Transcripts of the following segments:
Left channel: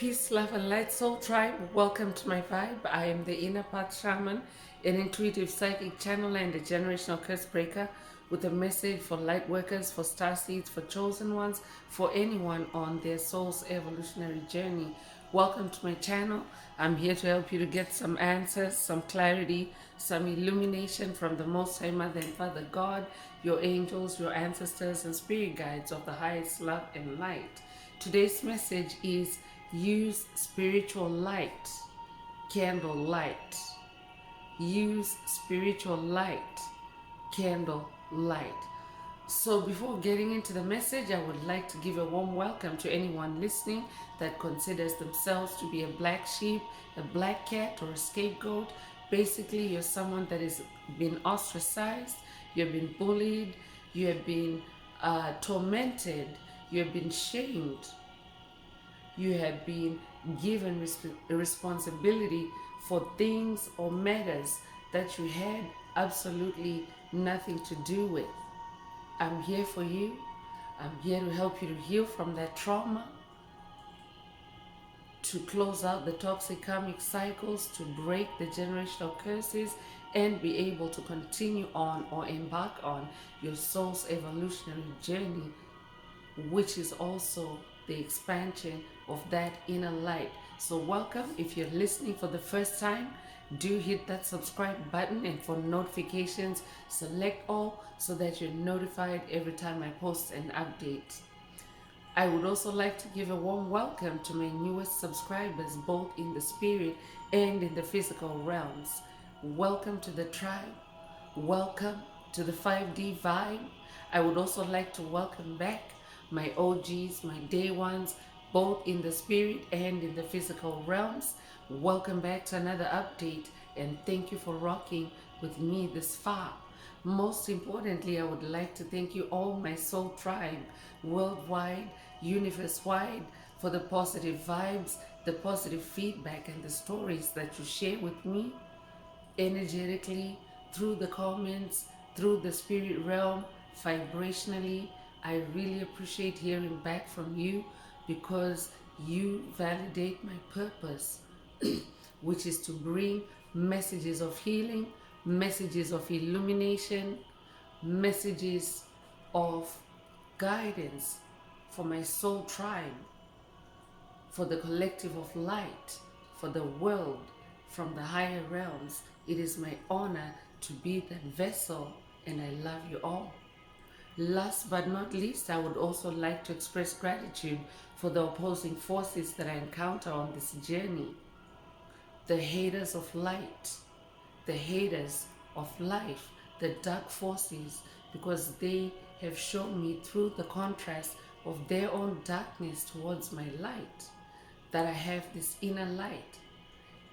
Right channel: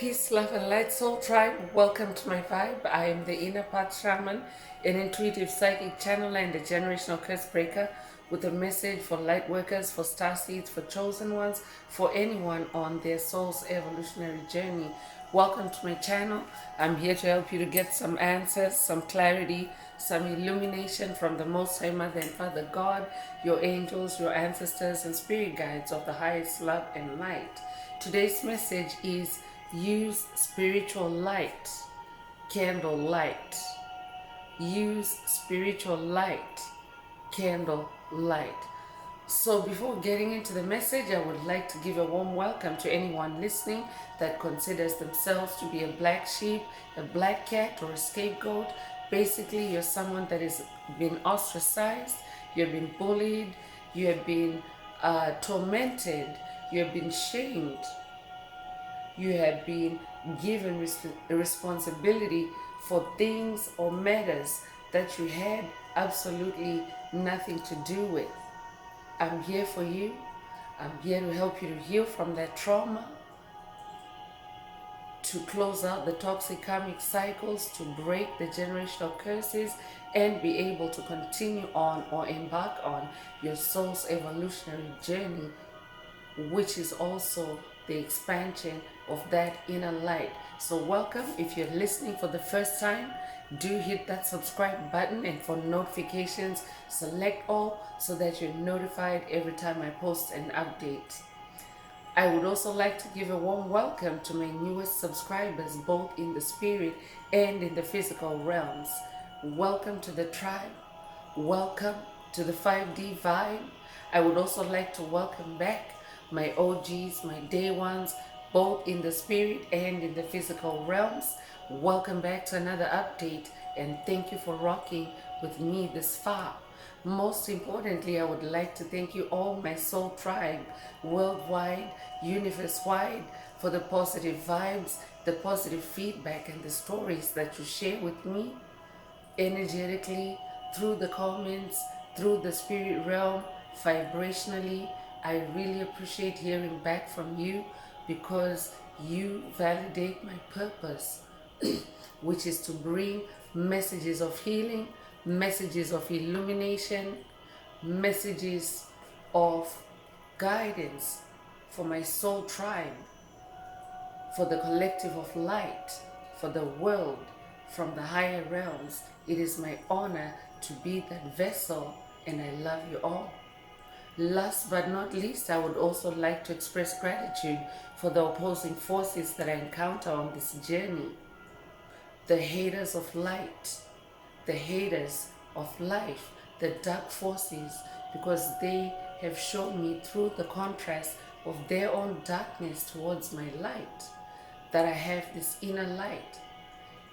Peace, love, and light, soul tribe. Welcome to my vibe. I am the inner path shaman, an intuitive psychic channeler, and a generational curse breaker with a message for light workers, for star seeds, for chosen ones, for anyone on their soul's evolutionary journey. Welcome to my channel. I'm here to help you to get some answers, some clarity, some illumination from the Most High Mother and Father God, your angels, your ancestors, and spirit guides of the highest love and light. Today's message is use spiritual light, candle light. Use spiritual light, candle light. So before getting into the message, I would like to give a warm welcome to anyone listening that considers themselves to be a black sheep, a black cat, or a scapegoat. Basically, you're someone that has been ostracized, you have been bullied, you have been tormented, you have been shamed, you have been given a responsibility for things or matters that you had absolutely nothing to do with. I'm here for you. I'm here to help you to heal from that trauma, to close out the toxic karmic cycles, to break the generational curses, and be able to continue on or embark on your soul's evolutionary journey, which is also the expansion of that inner light. So welcome. If you're listening for the first time, do hit that subscribe button, and for notifications, select all so that you're notified every time I post an update. I would also like to give a warm welcome to my newest subscribers, both in the spirit and in the physical realms. Welcome to the tribe. Welcome to the 5D vibe. I would also like to welcome back my OGs, my day ones, both in the spirit and in the physical realms. Welcome back to another update, and thank you for rocking with me this far. Most importantly, I would like to thank you all, my soul tribe, worldwide, universe-wide, for the positive vibes, the positive feedback, and the stories that you share with me energetically, through the comments, through the spirit realm, vibrationally. I really appreciate hearing back from you, because you validate my purpose, which is to bring messages of healing, messages of illumination, messages of guidance for my soul tribe, for the collective of light, for the world from the higher realms. It is my honor to be that vessel, and I love you all. Last but not least, I would also like to express gratitude for the opposing forces that I encounter on this journey. The haters of light, the haters of life, the dark forces, because they have shown me through the contrast of their own darkness towards my light that I have this inner light.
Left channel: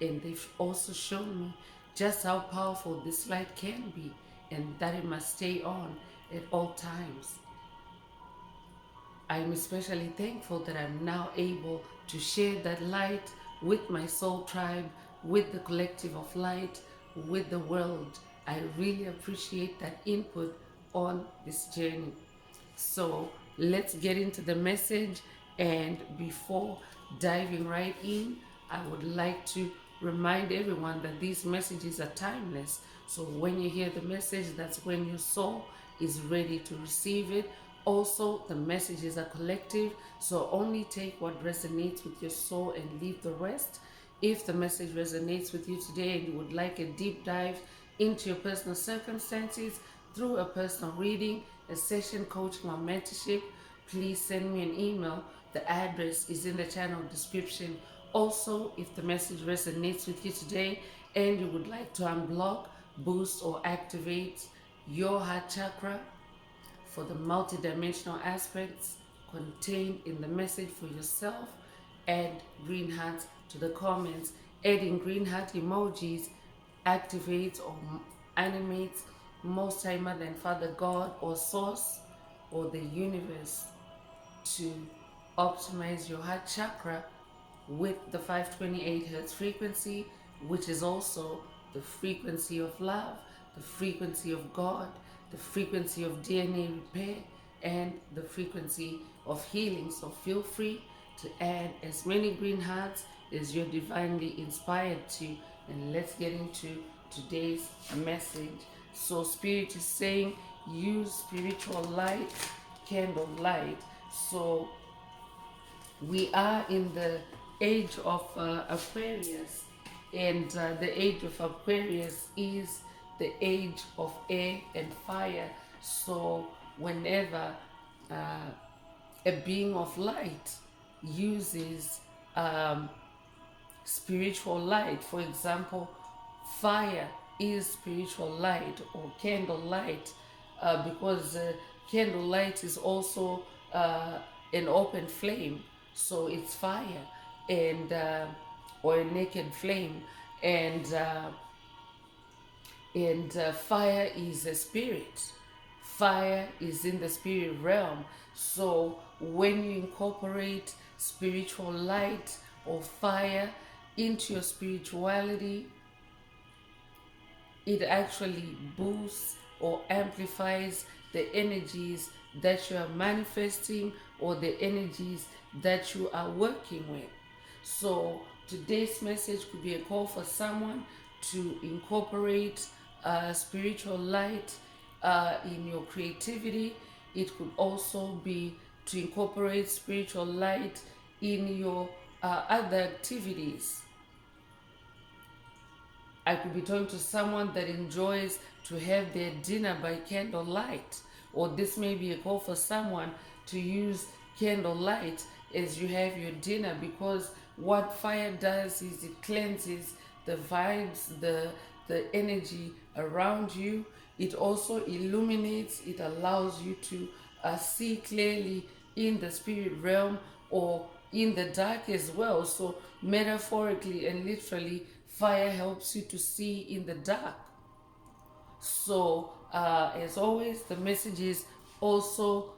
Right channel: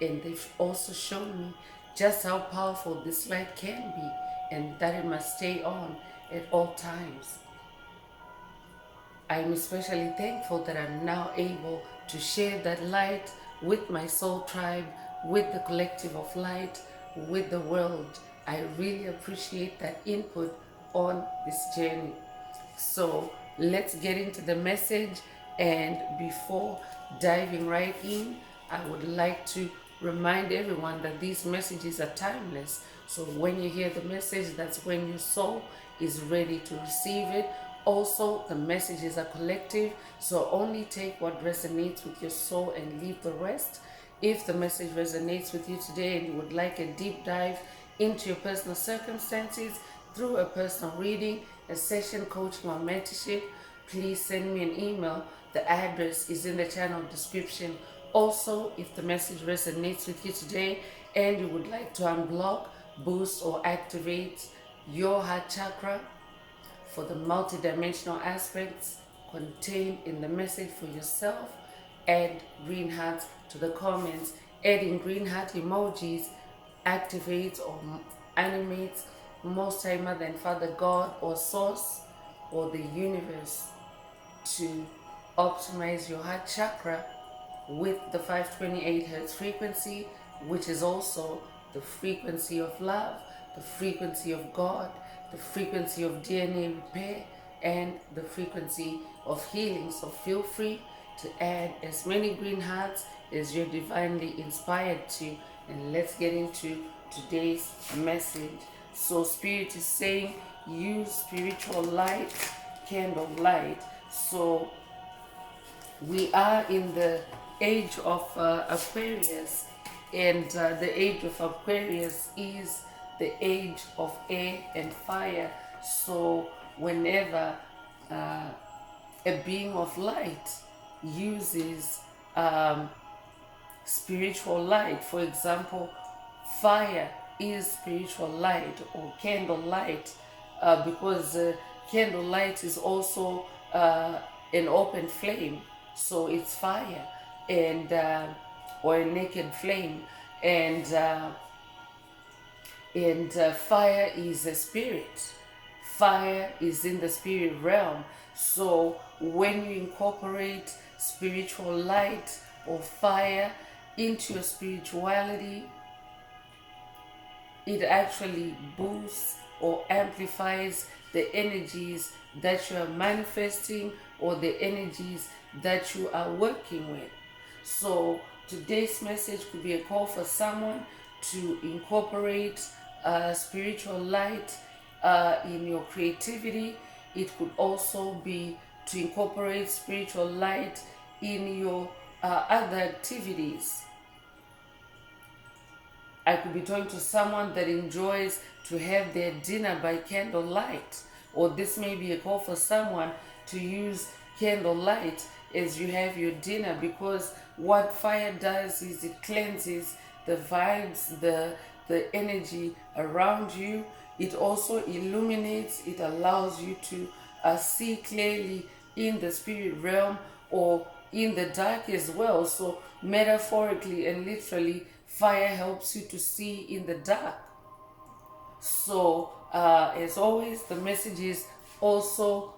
And they've also shown me just how powerful this light can be, and that it must stay on at all times. I'm especially thankful that I'm now able to share that light with my soul tribe, with the collective of light, with the world. I really appreciate that input on this journey. So let's get into the message. And before diving right in, I would like to remind everyone that these messages are timeless. So when you hear the message, that's when your soul is ready to receive it. Also, the messages are collective, so only take what resonates with your soul and leave the rest. If the message resonates with you today and you would like a deep dive into your personal circumstances through a personal reading, a session, coaching, or mentorship, please send me an email. The address is in the channel description. Also, if the message resonates with you today and you would like to unblock, boost, or activate your heart chakra for the multidimensional aspects contained in the message for yourself, add green hearts to the comments. Adding green heart emojis activates or animates Most High Mother and Father God or Source or the universe to optimize your heart chakra with the 528 hertz frequency, which is also the frequency of love, the frequency of God, the frequency of DNA repair, and the frequency of healing. So feel free to add as many green hearts as you're divinely inspired to. And let's get into today's message. So Spirit is saying use spiritual light, candle light. So we are in the age of Aquarius, and the age of Aquarius is the age of air and fire. So whenever a being of light uses spiritual light, for example, fire is spiritual light or candle light, because candle light is also an open flame, so it's fire, and or a naked flame, and fire is a spirit. Fire is in the spirit realm. So when you incorporate spiritual light or fire into your spirituality, it actually boosts or amplifies the energies that you are manifesting or the energies that you are working with. So today's message could be a call for someone to incorporate spiritual light in your creativity. It could also be to incorporate spiritual light in your other activities. I could be talking to someone that enjoys to have their dinner by candlelight, or this may be a call for someone to use candlelight as you have your dinner, because what fire does is it cleanses the vibes, the energy around you. It also illuminates, it allows you to see clearly in the spirit realm or in the dark as well. So metaphorically and literally, fire helps you to see in the dark. So as always, the message is also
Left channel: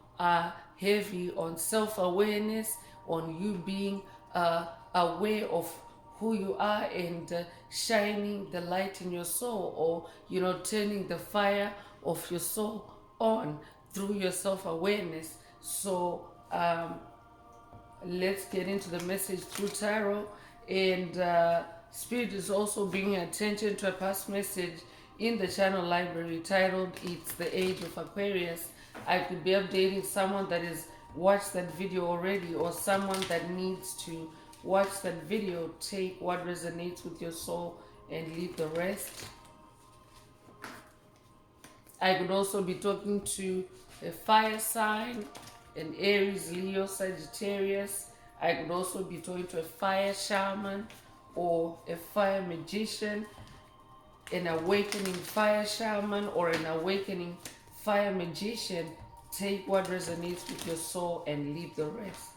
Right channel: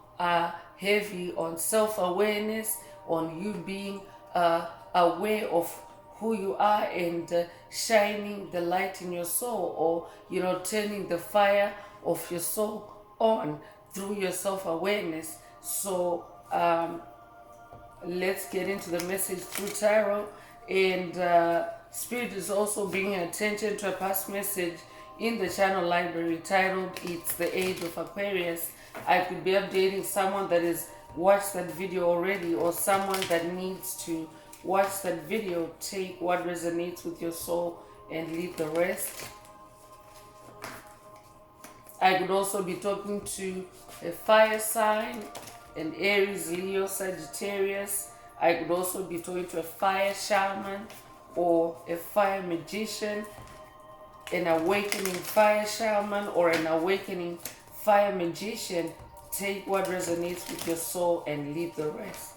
heavy on self-awareness, on you being aware of who you are, and shining the light in your soul, or turning the fire of your soul on through your self-awareness. So let's get into the message through tarot. And Spirit is also bringing attention to a past message in the channel library titled It's the Age of Aquarius. I could be updating someone that has watched that video already, or someone that needs to watch that video. Take what resonates with your soul and leave the rest. I could also be talking to a fire sign, an Aries, Leo, Sagittarius. I could also be talking to a fire shaman or a fire magician, an awakening fire shaman or an awakening fire magician. Take what resonates with your soul and leave the rest.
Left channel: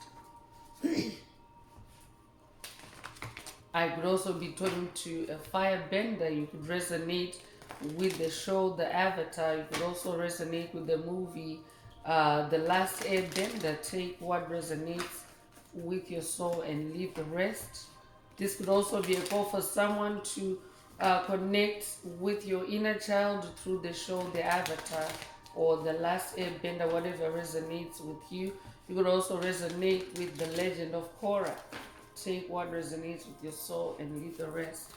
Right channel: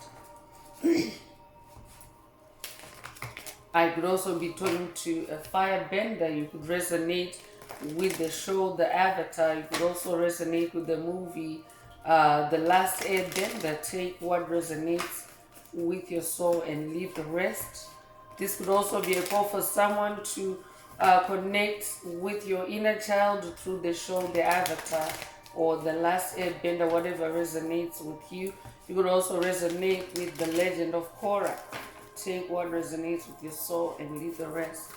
I could also be talking to a fire bender. You could resonate with the show The Avatar. You could also resonate with the movie The Last Airbender. Take what resonates with your soul and leave the rest. This could also be a call for someone to connect with your inner child through the show The Avatar or The Last Airbender, whatever resonates with you. You could also resonate with The Legend of Korra. Take what resonates with your soul and leave the rest.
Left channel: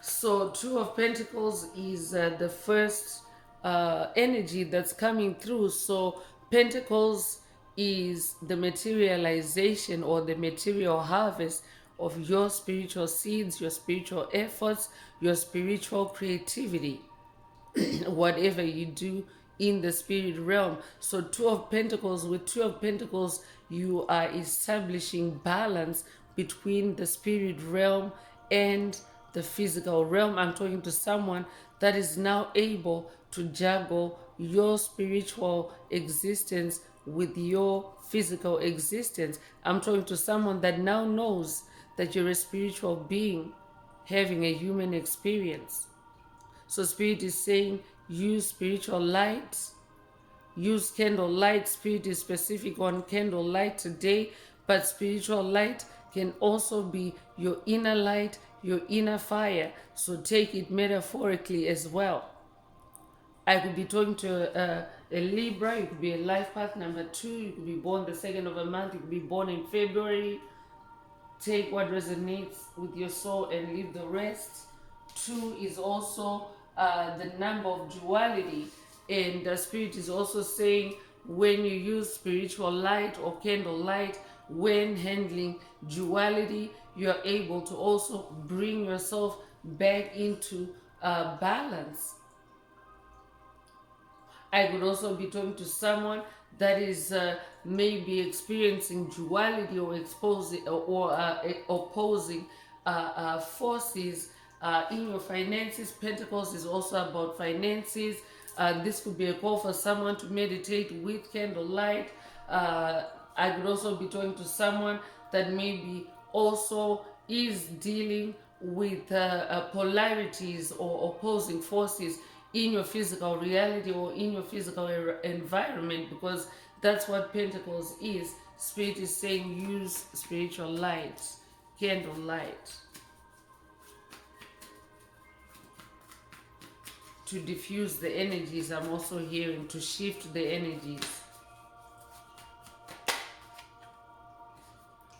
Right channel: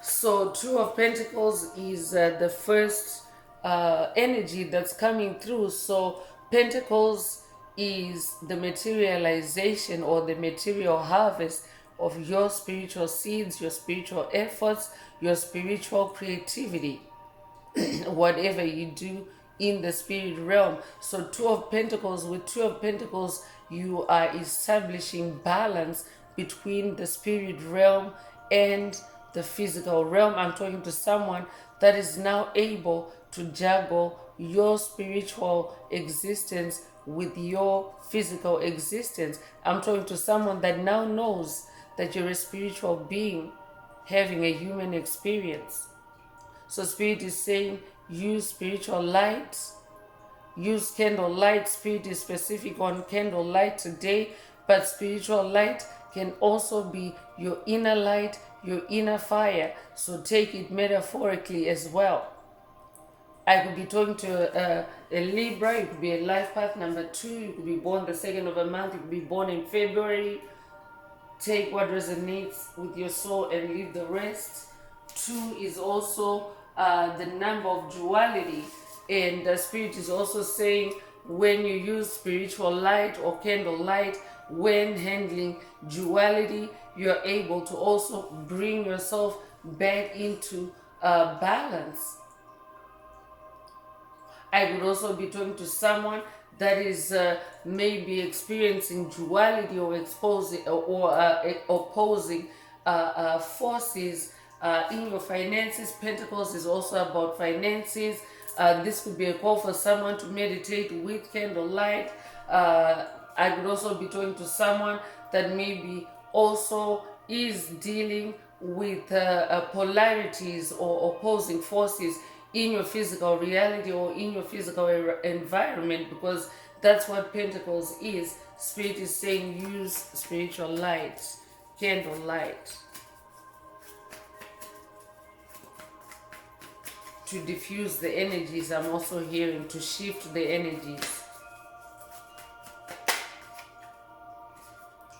So Two of Pentacles is the first energy that's coming through. So Pentacles is the materialization or the material harvest of your spiritual seeds, your spiritual efforts, your spiritual creativity, whatever you do in the spirit realm. So Two of Pentacles, with Two of Pentacles, you are establishing balance between the spirit realm and the physical realm. I'm talking to someone that is now able to juggle your spiritual existence with your physical existence. I'm talking to someone that now knows that you're a spiritual being having a human experience. So Spirit is saying use spiritual light, use candle light. Spirit is specific on candle light today, but spiritual light can also be your inner light, your inner fire. So take it metaphorically as well. I could be talking to a Libra. You could be a life path number 2. You could be born the 2nd of a month. You could be born in February. Take what resonates with your soul and leave the rest. 2 is also the number of duality. And the Spirit is also saying when you use spiritual light or candle light, when handling duality, you're able to also bring yourself back into balance. I could also be talking to someone that is maybe experiencing duality or exposing or opposing forces in your finances. Pentacles is also about finances. This could be a call for someone to meditate with candlelight. I could also be talking to someone that maybe also is dealing with polarities or opposing forces in your physical reality or in your physical environment, because that's what Pentacles is. Spirit is saying use spiritual light, candle light, to diffuse the energies. I'm also hearing to shift the energies.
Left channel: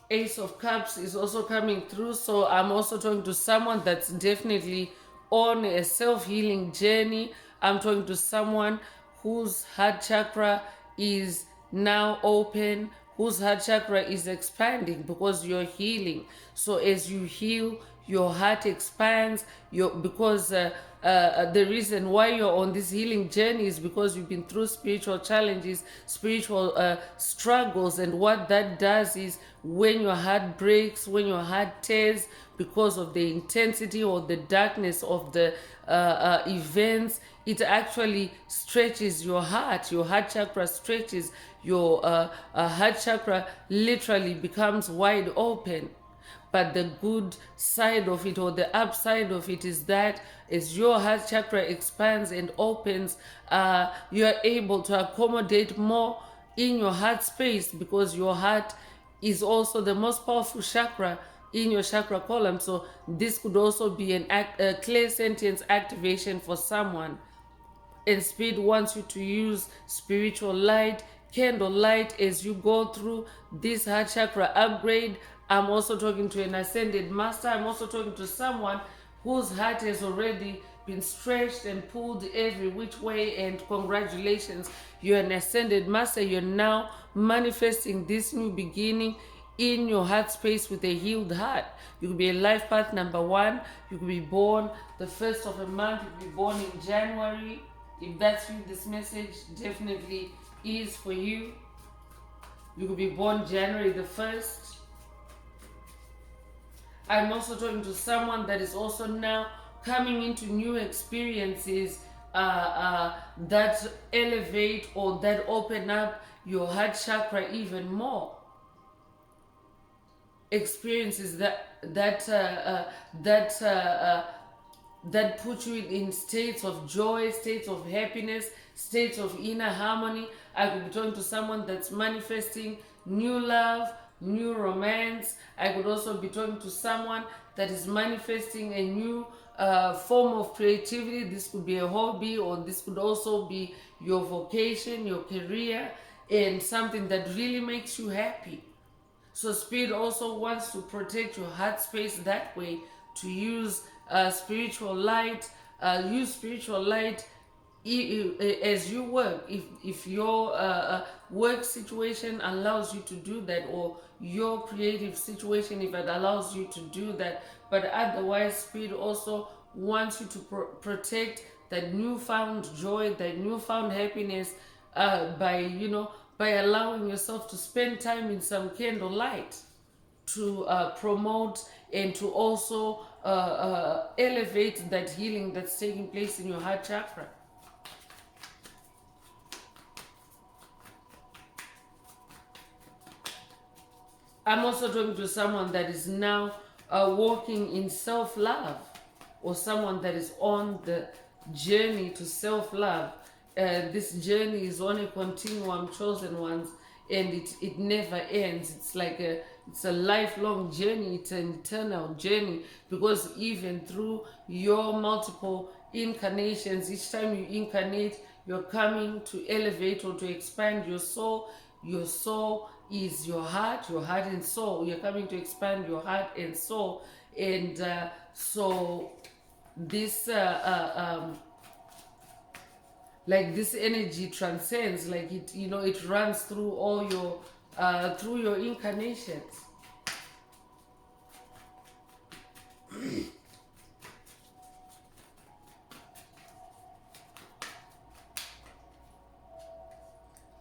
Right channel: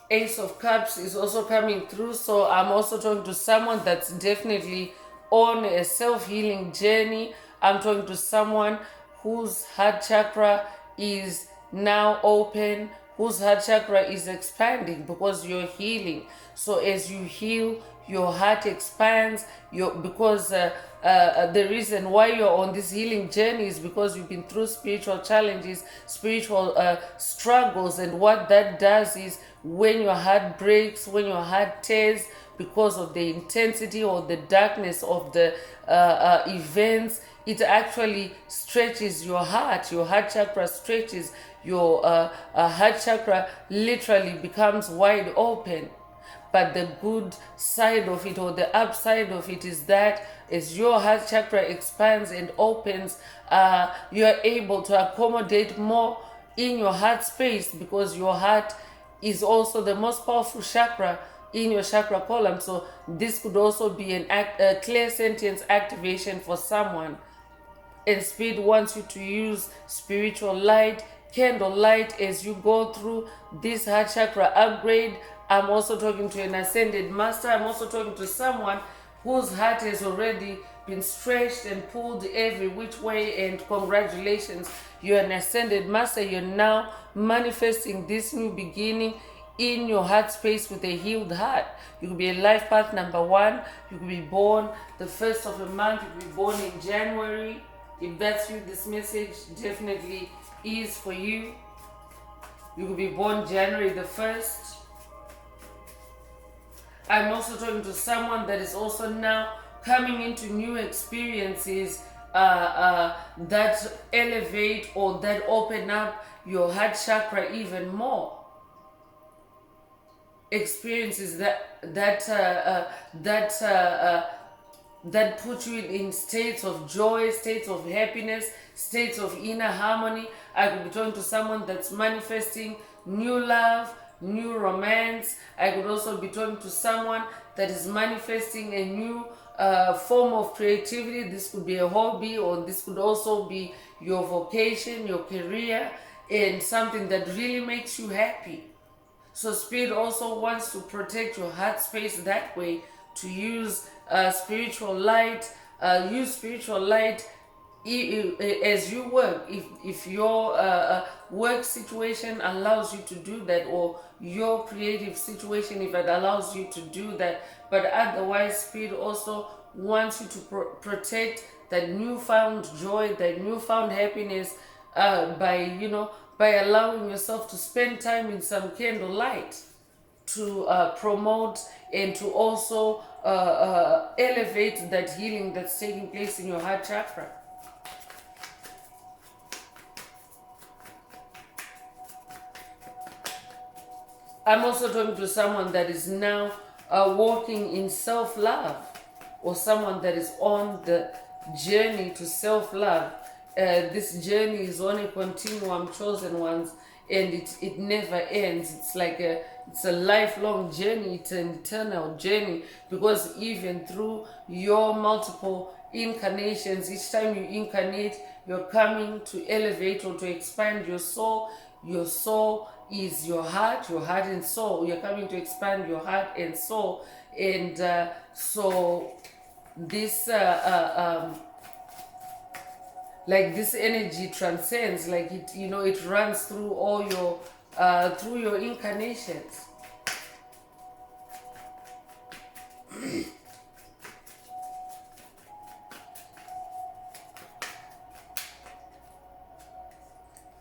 Ace of Cups is also coming through, so I'm also talking to someone that's definitely on a self-healing journey. I'm talking to someone whose heart chakra is now open, whose heart chakra is expanding because you're healing. So as you heal, your heart expands. Because the reason why you're on this healing journey is because you've been through spiritual challenges, spiritual struggles, and what that does is when your heart breaks, when your heart tears, because of the intensity or the darkness of the events, it actually stretches your heart. Your heart chakra stretches. Your heart chakra literally becomes wide open. But the good side of it, or the upside of it, is that as your heart chakra expands and opens, you are able to accommodate more in your heart space, because your heart is also the most powerful chakra in your chakra column. So this could also be a clear sentence activation for someone. And Spirit wants you to use spiritual light, candle light, as you go through this heart chakra upgrade. I'm also talking to an ascended master. I'm also talking to someone whose heart has already been stretched and pulled every which way, and congratulations, you're an ascended master. You're now manifesting this new beginning in your heart space with a healed heart. You could be a life path number 1. You could be born the 1st of a month. You could be born in January. If that's you, this message definitely is for you. You could be born January the 1st. I'm also talking to someone that is also now coming into new experiences that elevate or that open up your heart chakra even more. Experiences that put you in states of joy, states of happiness, states of inner harmony. I could be talking to someone that's manifesting new love, new romance. I could also be talking to someone that is manifesting a new form of creativity. This could be a hobby, or this could also be your vocation, your career, and something that really makes you happy. So Spirit also wants to protect your heart space that way, to use spiritual light. Use spiritual light as you work. If your work situation allows you to do that, or your creative situation, if it allows you to do that. But otherwise, Spirit also wants you to protect that newfound joy, that newfound happiness, by allowing yourself to spend time in some candlelight, to promote and to also elevate that healing that's taking place in your heart chakra. I'm also talking to someone that is now walking in self-love, or someone that is on the journey to self-love. This journey is on a continuum, chosen ones, and it never ends. It's like it's a lifelong journey. It's an eternal journey, because even through your multiple incarnations. Each time you incarnate, you're coming to elevate or to expand your soul. Your soul is your heart and soul. You're coming to expand your heart and soul. And so this like this energy transcends, like it, you know, it runs through all your through your incarnations.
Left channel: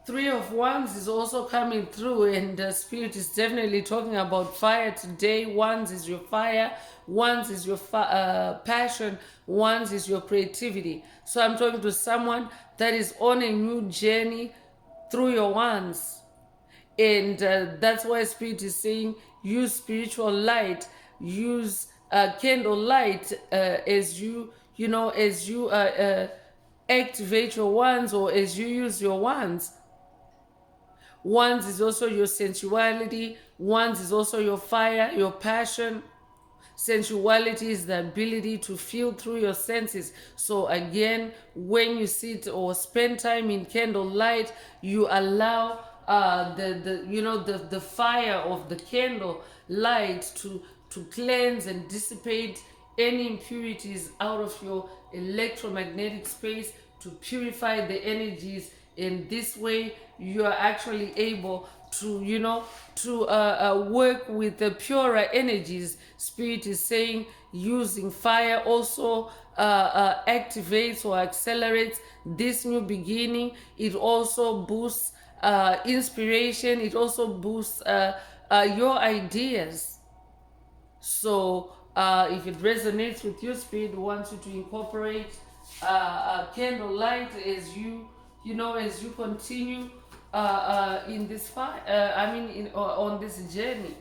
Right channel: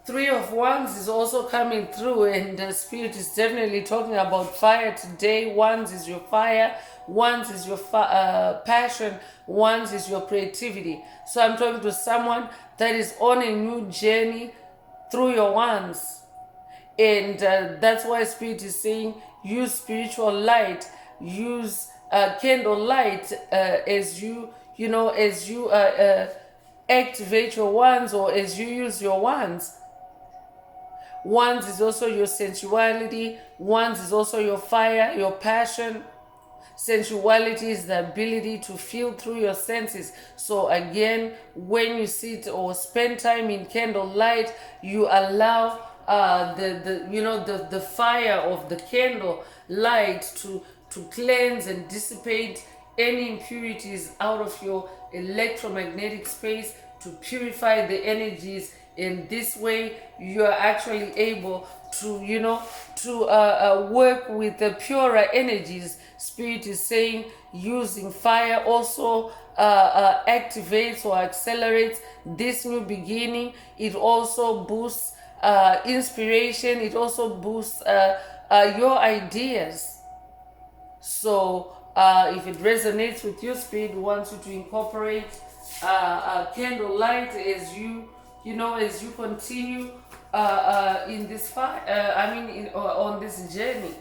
Three of Wands is also coming through, and the Spirit is definitely talking about fire today. Wands is your fire, Wands is your passion, Wands is your creativity. So I'm talking to someone that is on a new journey through your Wands. And that's why Spirit is saying use spiritual light, use candle light as you know, as you activate your Wands, or as you use your Wands. Wands is also your sensuality. Wands is also your fire, your passion. Sensuality is the ability to feel through your senses. So again, when you sit or spend time in candlelight, you allow the fire of the candle light to cleanse and dissipate any impurities out of your electromagnetic space, to purify the energies. In this way, you are actually able to work with the purer energies. Spirit is saying using fire also activates or accelerates this new beginning. It also boosts inspiration. It also boosts your ideas. So if it resonates with you, Spirit wants you to incorporate candlelight as as you continue in this on this journey,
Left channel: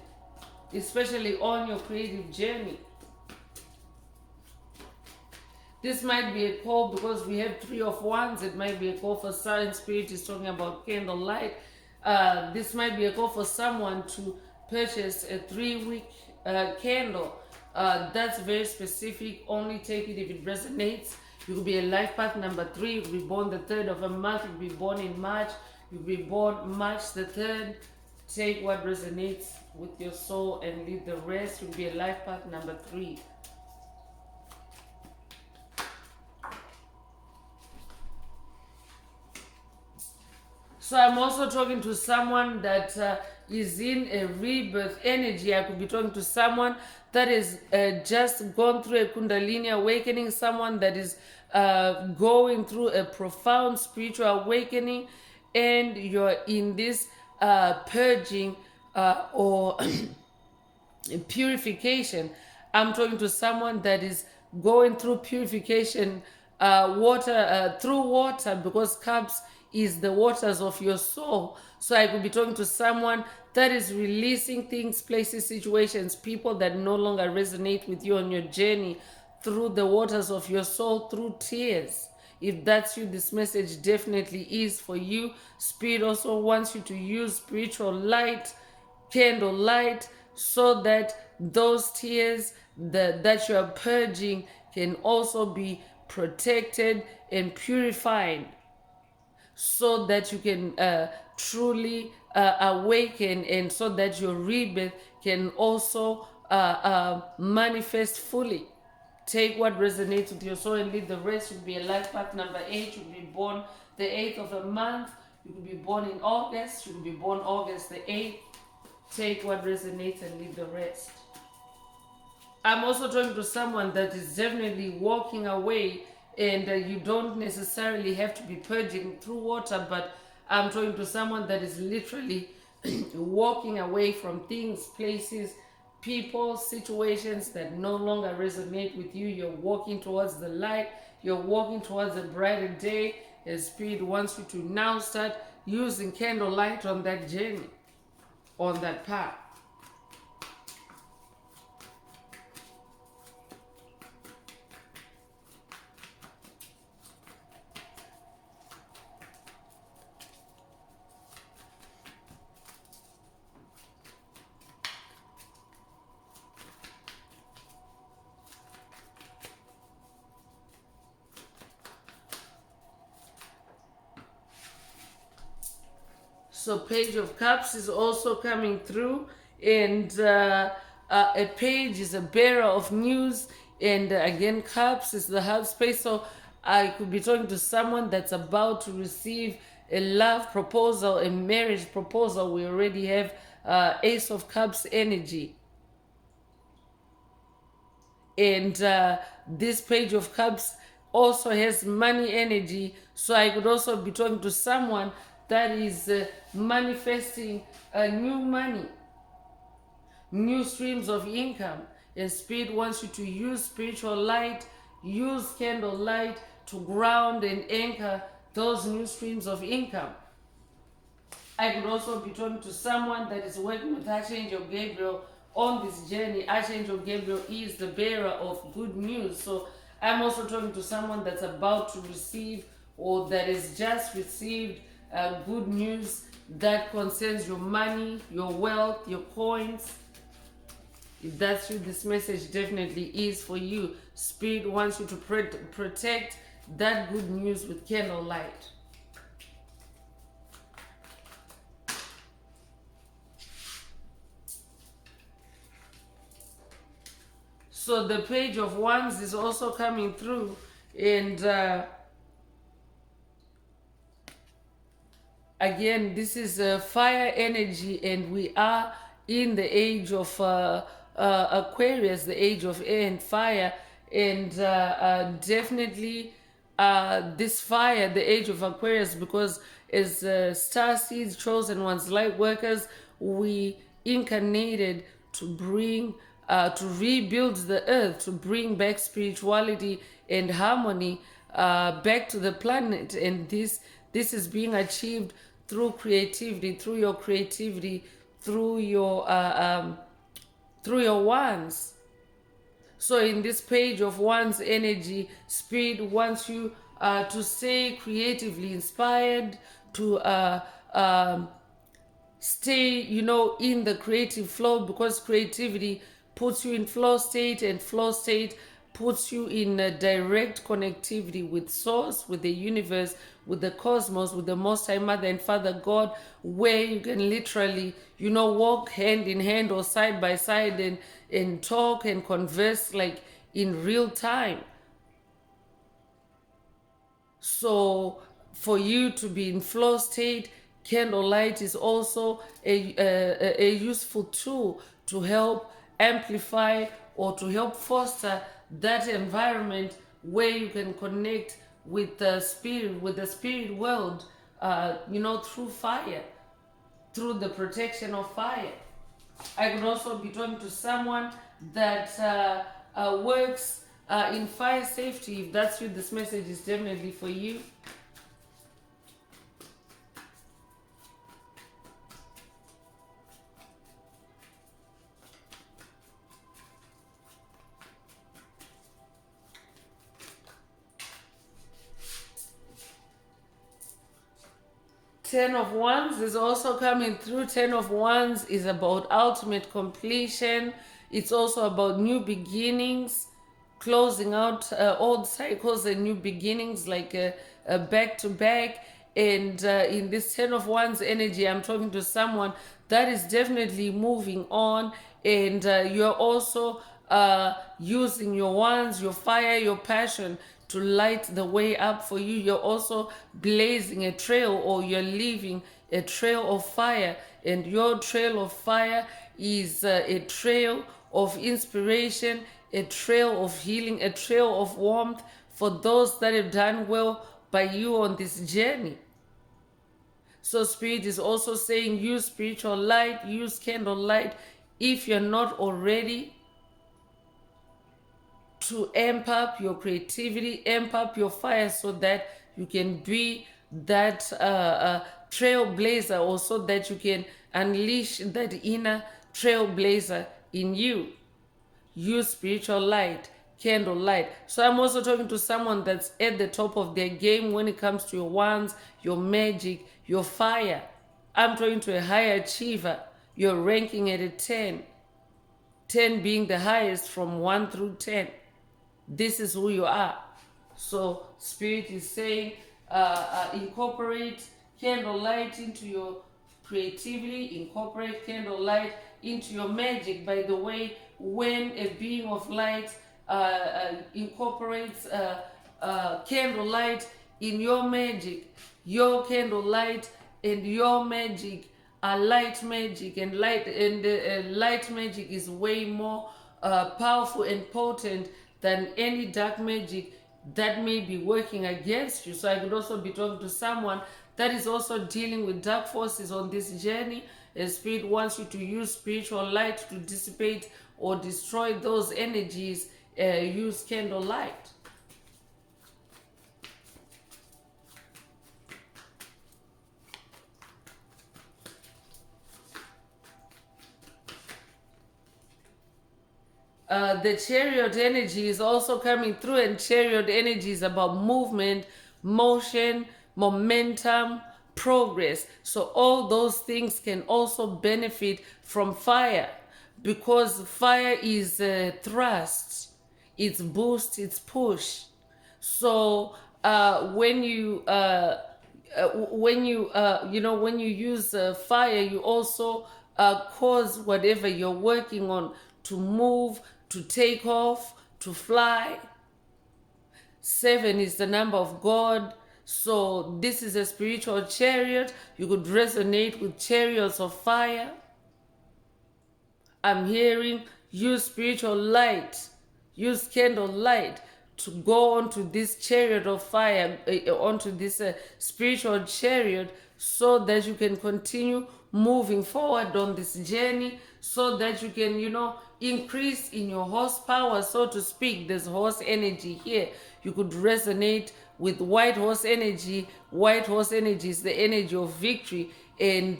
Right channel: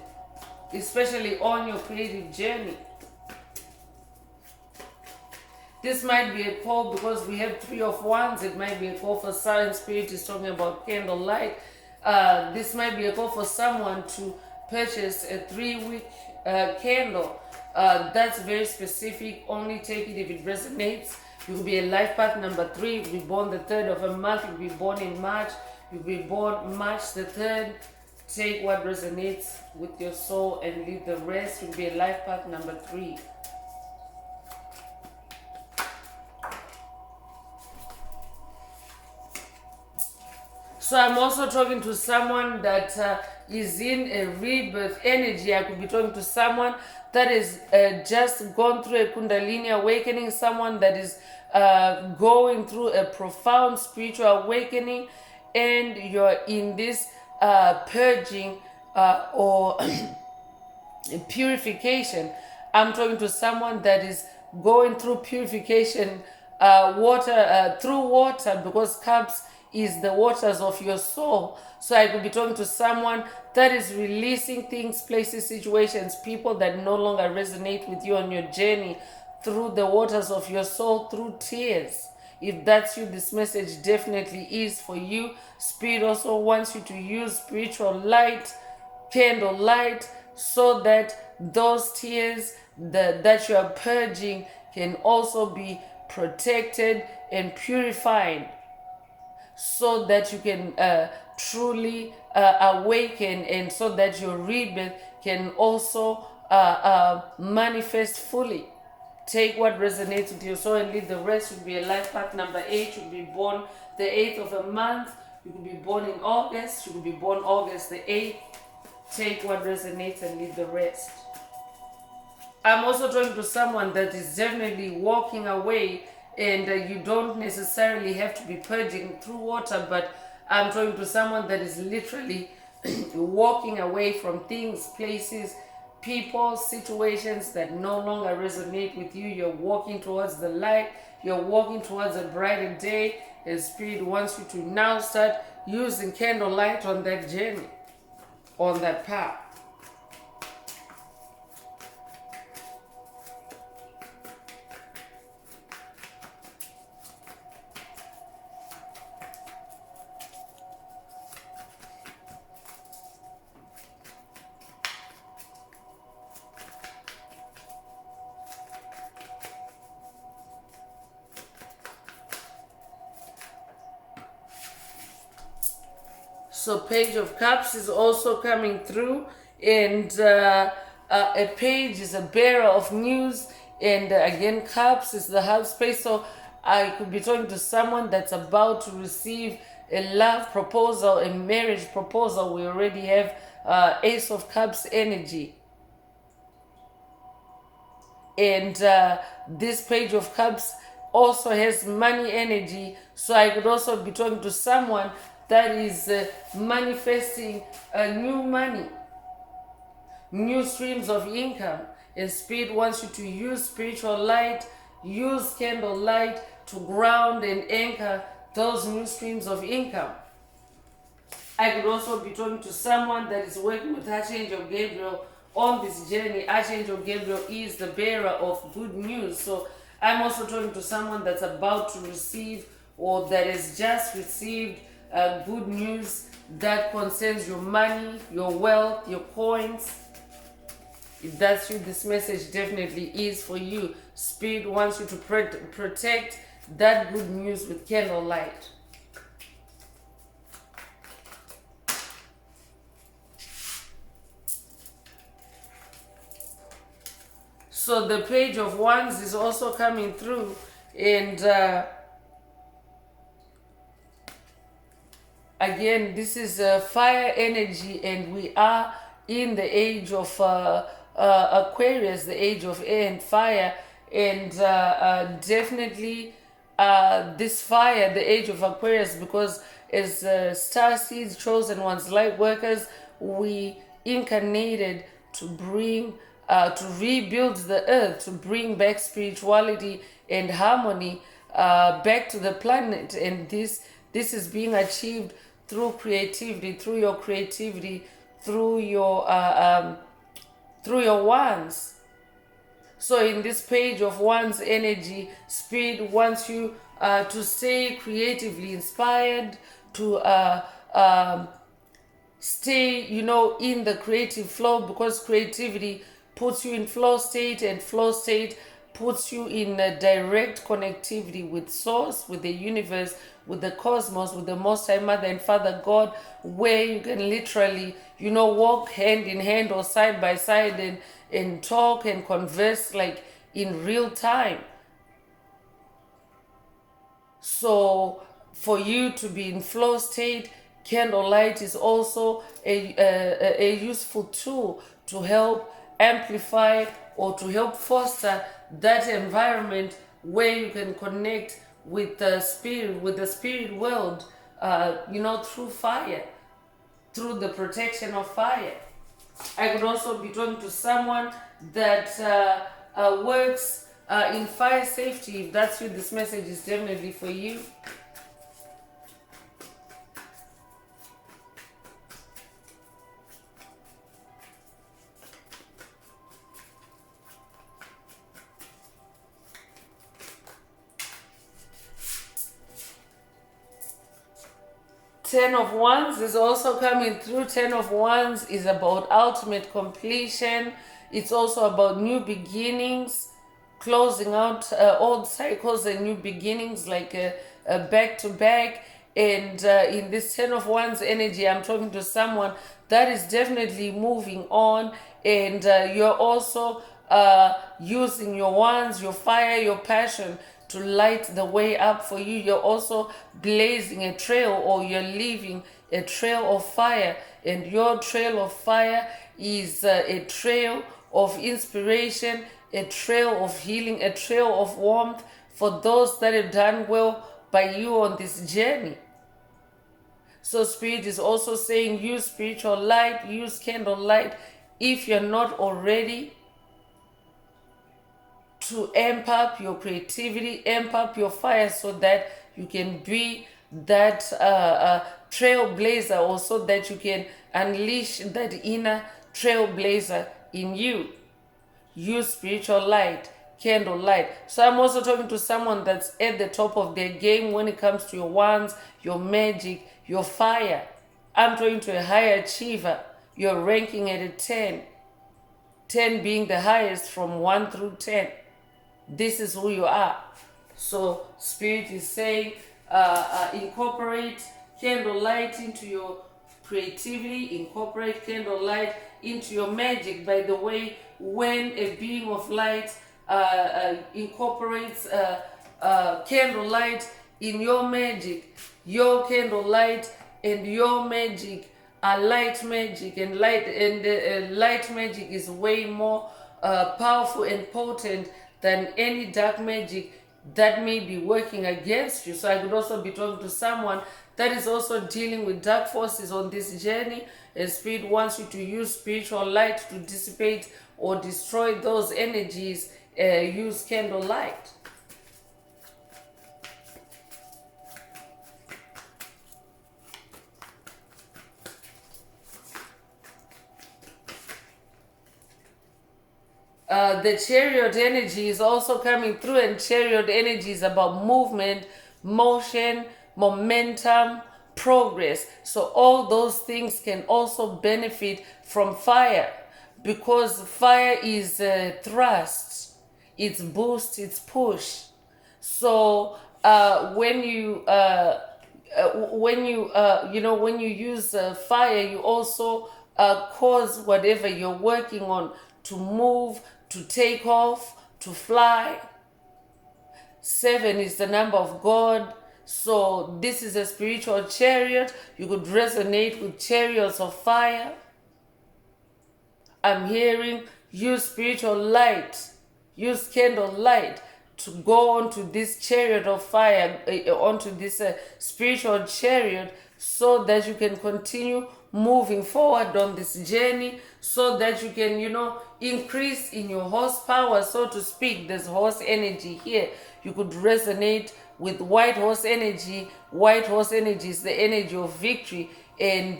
especially on your creative journey. This might be a call because we have Three of Wands. It might be a call for Silent Spirit is talking about candlelight. This might be a call for someone to purchase a 3-week candle. That's very specific. Only take it if it resonates. You could be a life path number 3. You could be born the 3rd of a month. You could be born in March. You could be born March the 3rd. Take what resonates with your soul and leave the rest. You could be a life path number 3. So I'm also talking to someone that is in a rebirth energy. I could be talking to someone that is just gone through a Kundalini awakening, someone that is going through a profound spiritual awakening, and you're in this purging or purification. I'm talking to someone that is going through purification through water, because cups is the waters of your soul. So I could be talking to someone that is releasing things, places, situations, people that no longer resonate with you on your journey through the waters of your soul, through tears. If that's you, this message definitely is for you. Spirit also wants you to use spiritual light, candle light, so that those tears that you are purging can also be protected and purified, so that you can truly awaken, and so that your rebirth can also manifest fully. Take what resonates with your soul and leave the rest. You could be a life path number 8. You could be born the 8th of a month. You could be born in August. You could be born August the 8th. Take what resonates and leave the rest. I'm also talking to someone that is definitely walking away, and you don't necessarily have to be purging through water, but I'm talking to someone that is literally walking away from things, places, people, situations that no longer resonate with you. You're walking towards the light. You're walking towards a brighter day. And Spirit wants you to now start using candlelight on that journey, on that path. So Page of Cups is also coming through, and a page is a bearer of news, and again Cups is the heart space. So I could be talking to someone that's about to receive a love proposal, a marriage proposal. We already have Ace of Cups energy, and this Page of Cups also has money energy. So I could also be talking to someone that is manifesting new money, new streams of income. And Spirit wants you to use spiritual light, use candle light to ground and anchor those new streams of income. I could also be talking to someone that is working with Archangel Gabriel on this journey. Archangel Gabriel is the bearer of good news. So I'm also talking to someone that's about to receive or that has just received good news that concerns your money, your wealth, your coins. If that's you, this message definitely is for you. Spirit wants you to protect that good news with candlelight. So the Page of Wands is also coming through, and again, this is fire energy, and we are in the age of Aquarius, the age of air and fire, and definitely this fire, the age of Aquarius, because as star seeds, chosen ones, light workers, we incarnated to bring to rebuild the earth, to bring back spirituality and harmony back to the planet. And this is being achieved through creativity, through your creativity, through your wands. So in this Page of Wands energy, Spirit wants you to stay creatively inspired, to stay, in the creative flow, because creativity puts you in flow state, and flow state puts you in a direct connectivity with source, with the universe, with the cosmos, with the Most High Mother and Father God, where you can literally, walk hand in hand or side by side and talk and converse like in real time. So for you to be in flow state, candlelight is also a useful tool to help amplify or to help foster that environment where you can connect with the spirit world, through fire, through the protection of fire. I could also be talking to someone that works in fire safety. If that's what this message is definitely for you. Ten of Wands is also coming through. Ten of Wands is about ultimate completion. It's also about new beginnings, closing out old cycles and new beginnings, like a back to back. And in this Ten of Wands energy, I'm talking to someone that is definitely moving on, and you're also using your wands, your fire, your passion to light the way up for you. You're also blazing a trail, or you're leaving a trail of fire, and your trail of fire is a trail of inspiration, a trail of healing, a trail of warmth for those that have done well by you on this journey. So Spirit is also saying use spiritual light, use candle light if you're not already, to amp up your creativity, amp up your fire, so that you can be that trailblazer, or so that you can unleash that inner trailblazer in you. Use spiritual light, candle light. So I'm also talking to someone that's at the top of their game when it comes to your wands, your magic, your fire. I'm talking to a high achiever. You're ranking at a 10. 10 being the highest from 1 through 10. This is who you are. So Spirit is saying incorporate candle light into your creatively. Incorporate candlelight into your magic. By the way, when a beam of light incorporates candlelight in your magic, your candlelight and your magic are light magic, and light magic is way more powerful and potent than any dark magic that may be working against you. So I could also be talking to someone that is also dealing with dark forces on this journey. A spirit wants you to use spiritual light to dissipate or destroy those energies. Use candlelight. The chariot energy is also coming through, and chariot energy is about movement, motion, momentum, progress. So all those things can also benefit from fire, because fire is thrust, it's boost, it's push. So when you when you use fire, you also cause whatever you're working on to move, to take off, to fly. 7 is the number of God. So this is a spiritual chariot. You could resonate with chariots of fire. I'm hearing use spiritual light, use candle light to go onto this chariot of fire, onto this spiritual chariot, so that you can continue moving forward on this journey, so that you can, increase in your horsepower, so to speak. There's horse energy here. You could resonate with white horse energy. White horse energy is the energy of victory, and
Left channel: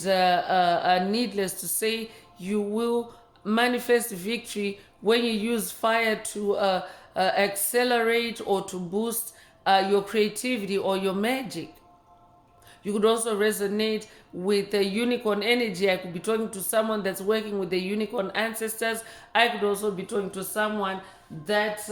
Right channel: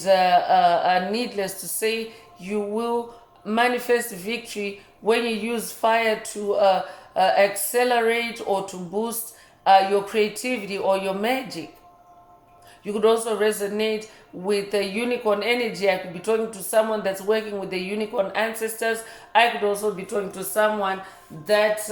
needless to say, you will manifest victory when you use fire to accelerate or to boost your creativity or your magic. You could also resonate with the unicorn energy. I could be talking to someone that's working with the unicorn ancestors. I could also be talking to someone that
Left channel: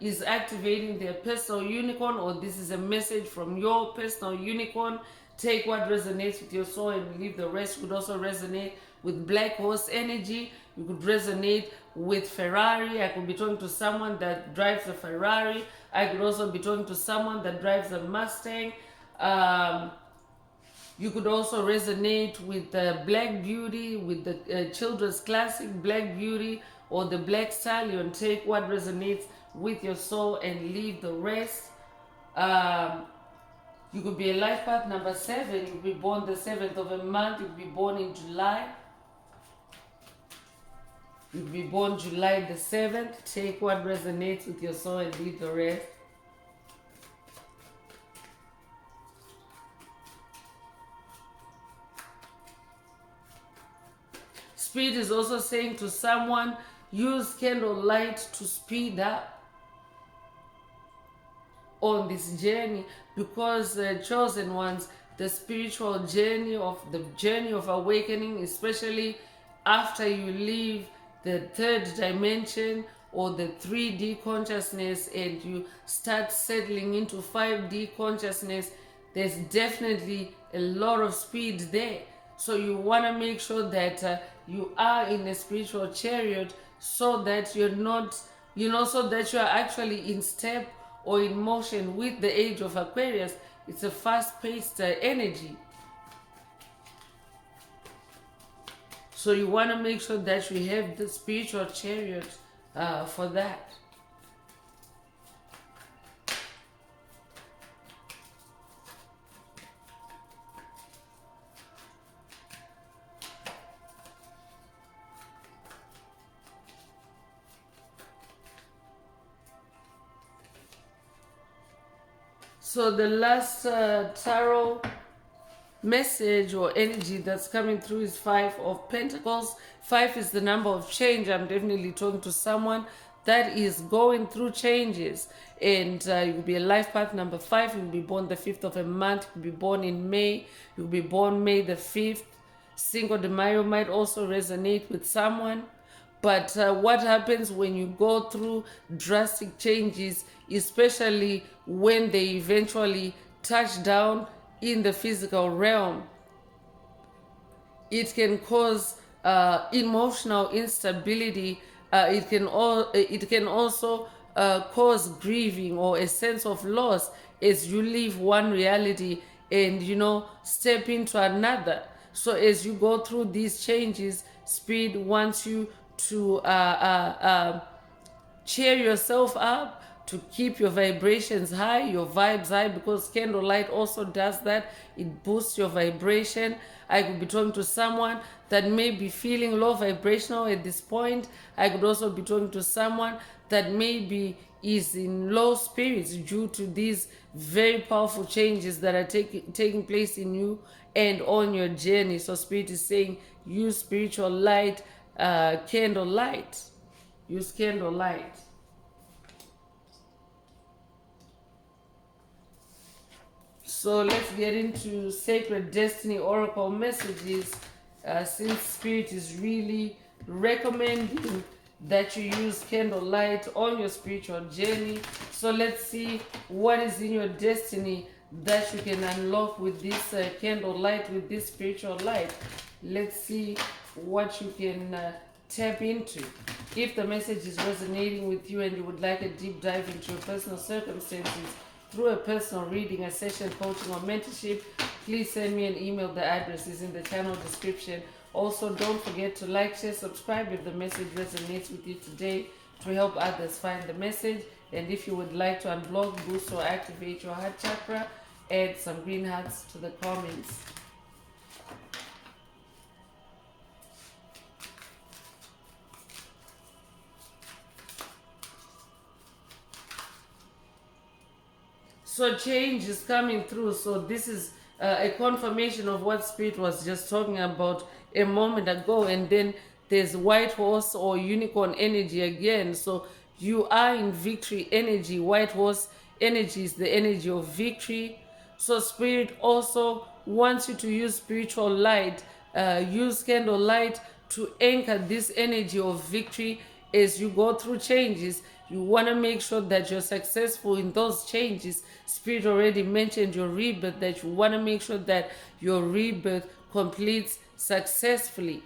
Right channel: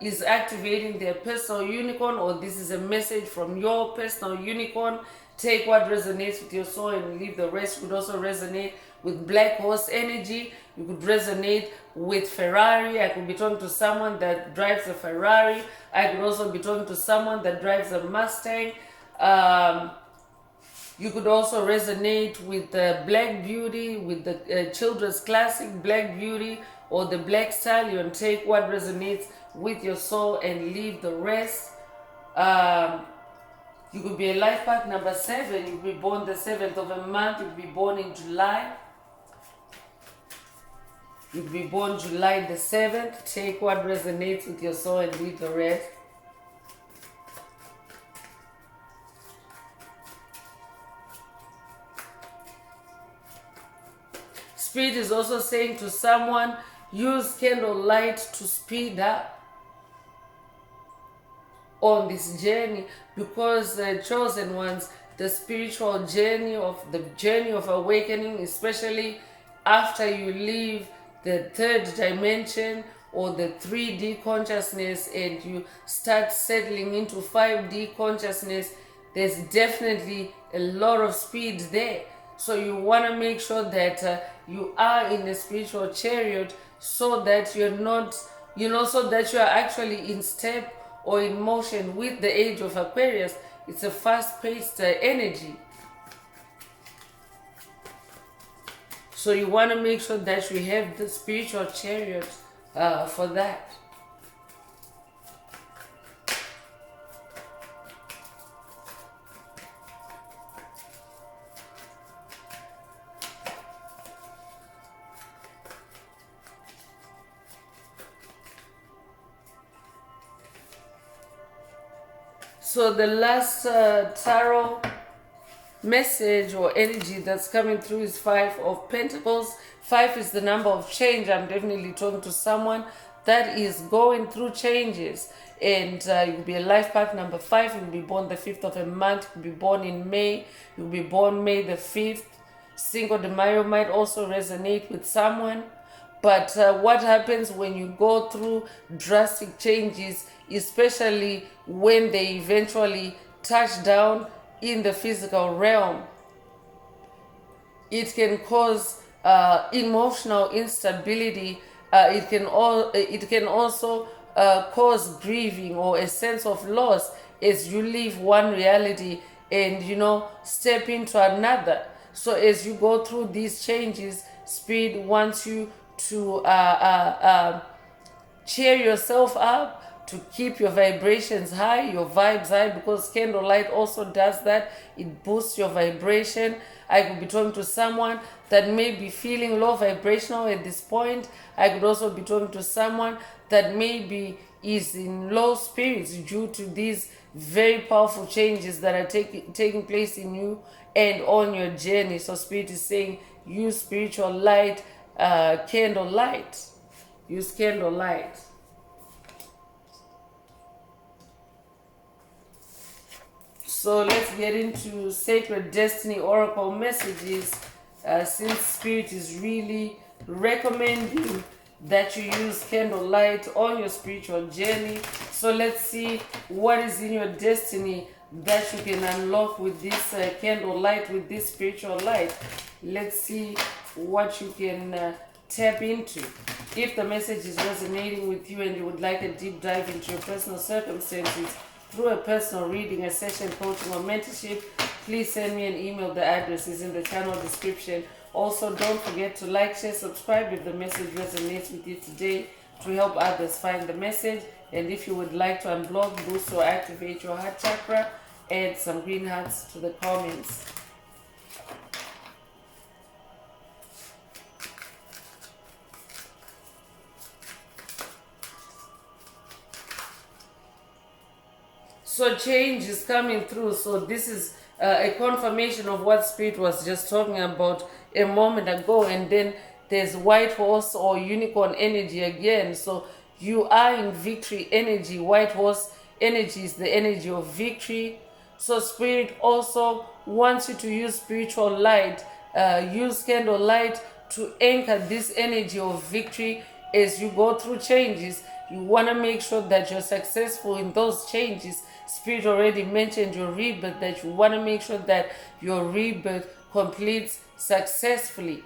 is activating their personal unicorn, or this is a message from your personal unicorn. Take what resonates with your soul and leave the rest. You could also resonate with black horse energy. You could resonate with Ferrari. I could be talking to someone that drives a Ferrari. I could also be talking to someone that drives a Mustang. You could also resonate with Black Beauty, with the children's classic Black Beauty, or the Black Stallion. Take what resonates with your soul and leave the rest. You could be a life path number 7. You could be born the 7th of a month. You could be born in July. You could be born July the 7th. Take what resonates with your soul and leave the rest. Spirit is also saying to someone, use candlelight to speed up on this journey, because chosen ones, the spiritual journey of awakening, especially after you leave the 3rd dimension or the 3D consciousness and you start settling into 5D consciousness, there's definitely a lot of speed there. So you want to make sure that you are in a spiritual chariot, so that you're not, so that you are actually in step or in motion with the age of Aquarius. It's a fast-paced energy. So you want to make sure that you have the spiritual chariot for that. So the last tarot message or energy that's coming through is 5 of Pentacles. 5 is the number of change. I'm definitely talking to someone that is going through changes. And you'll be a life path number 5. You'll be born the 5th of a month. You'll be born in May. You'll be born May the 5th. Cinco de Mayo might also resonate with someone. But what happens when you go through drastic changes, especially when they eventually touch down in the physical realm? it can cause emotional instability. It can also cause grieving or a sense of loss as you leave one reality and step into another. So as you go through these changes, Spirit wants you to cheer yourself up, to keep your vibrations high, your vibes high, because candlelight also does that. It boosts your vibration. I could be talking to someone that may be feeling low vibrational at this point. I could also be talking to someone that maybe is in low spirits due to these very powerful changes that are taking place in you and on your journey. So Spirit is saying, use spiritual light, candlelight. Use candlelight. So let's get into Sacred Destiny Oracle messages, since Spirit is really recommending that you use candlelight on your spiritual journey. So let's see what is in your destiny that you can unlock with this candlelight, with this spiritual light. Let's see what you can tap into. If the message is resonating with you and you would like a deep dive into your personal circumstances through a personal reading, a session, coaching, or mentorship, please send me an email. The address is in the channel description. Also, don't forget to like, share, subscribe if the message resonates with you today, to help others find the message. And if you would like to unblock, boost, or activate your heart chakra, add some green hearts to the comments. So change is coming through. So this is a confirmation of what Spirit was just talking about a moment ago. And then there's white horse or unicorn energy again. So you are in victory energy. White horse energy is the energy of victory. So Spirit also wants you to use spiritual light. Use candle light to anchor this energy of victory as you go through changes. You want to make sure that you're successful in those changes. Spirit already mentioned your rebirth, that you want to make sure that your rebirth completes successfully.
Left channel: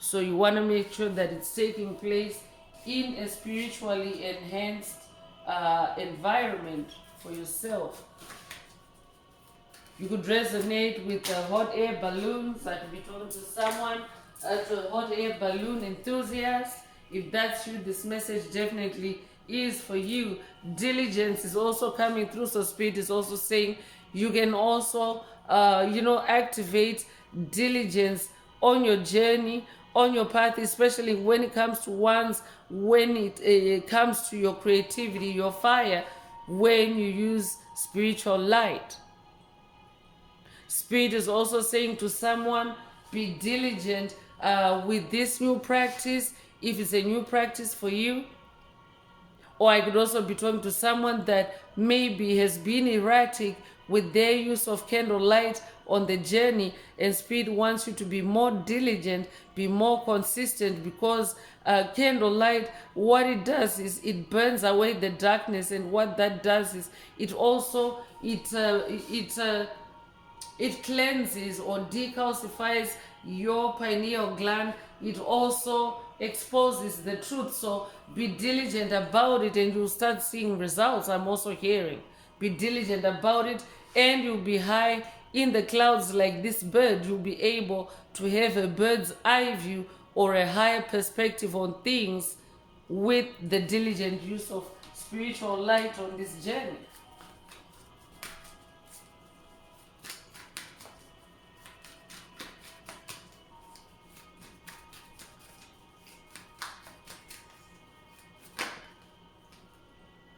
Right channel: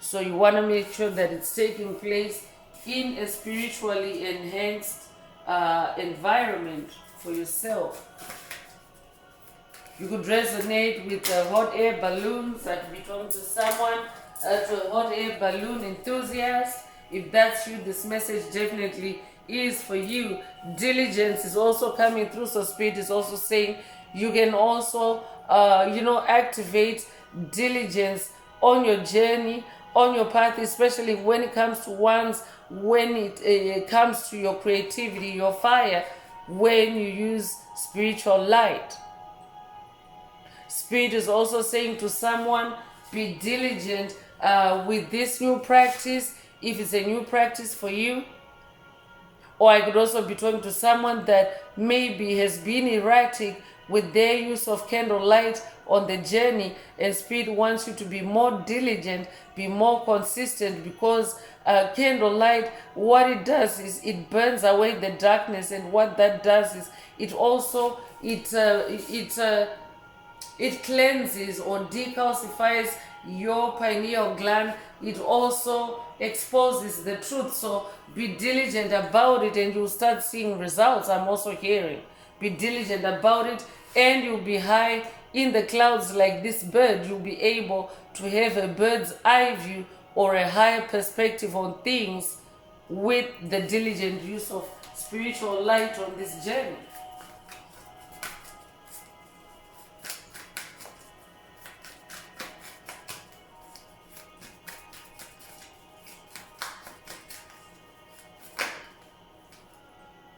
So you want to make sure that it's taking place in a spiritually enhanced environment for yourself. You could resonate with hot air balloons. I could be talking to someone, to a hot air balloon enthusiast. If that's you, this message definitely is for you. Diligence is also coming through. So Spirit is also saying you can also, activate diligence on your journey, on your path, especially when it comes to when it comes to your creativity, your fire, when you use spiritual light. Spirit is also saying to someone, be diligent with this new practice, if it's a new practice for you. Or I could also be talking to someone that maybe has been erratic with their use of candlelight on the journey, and Spirit wants you to be more diligent, be more consistent, because candlelight, what it does is it burns away the darkness, and what that does is it also it cleanses or decalcifies your pineal gland. It also exposes the truth. So be diligent about it and you'll start seeing results. I'm also hearing. Be diligent about it and you'll be high in the clouds like this bird. You'll be able to have a bird's eye view or a high perspective on things with the diligent use of spiritual light on this journey.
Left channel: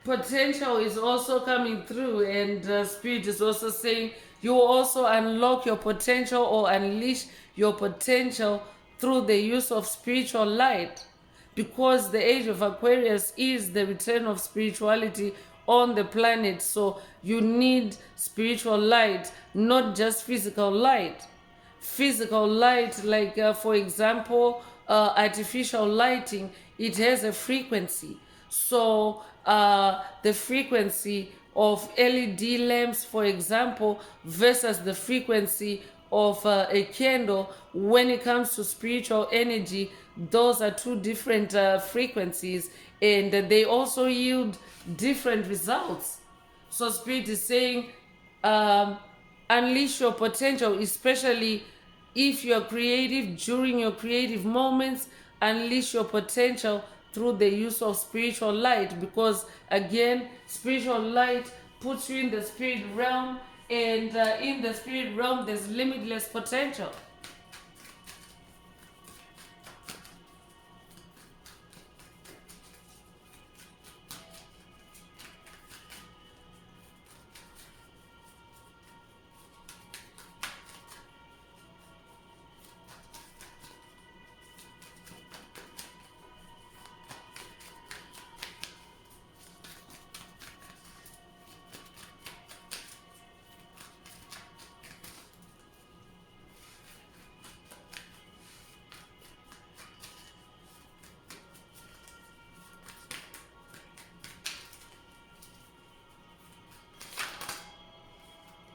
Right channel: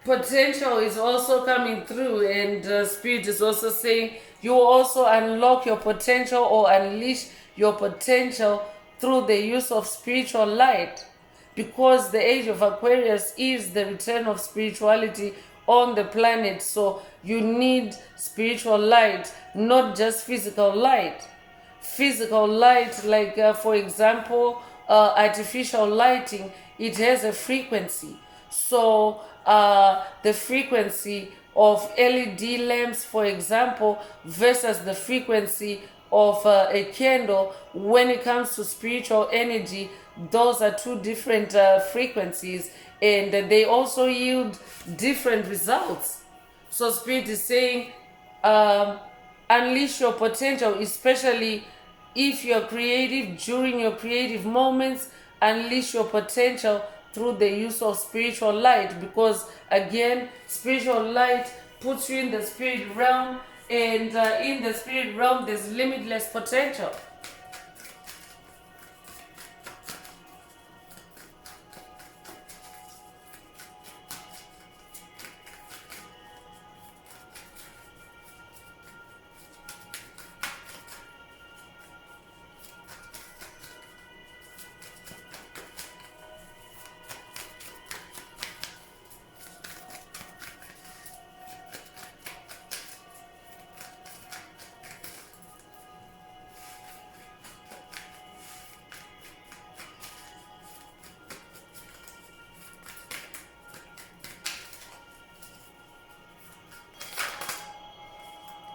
Potential is also coming through, and Spirit is also saying you will also unlock your potential or unleash your potential through the use of spiritual light, because the age of Aquarius is the return of spirituality on the planet. So you need spiritual light, not just physical light. Physical light, like for example, artificial lighting, it has a frequency. So the frequency of LED lamps, for example, versus the frequency of a candle when it comes to spiritual energy. Those are two different frequencies, and they also yield different results. So spirit is saying, um, unleash your potential, especially if you're creative. During your creative moments, unleash your potential through the use of spiritual light, because again, spiritual light puts you in the spirit realm, and in the spirit realm there's limitless potential.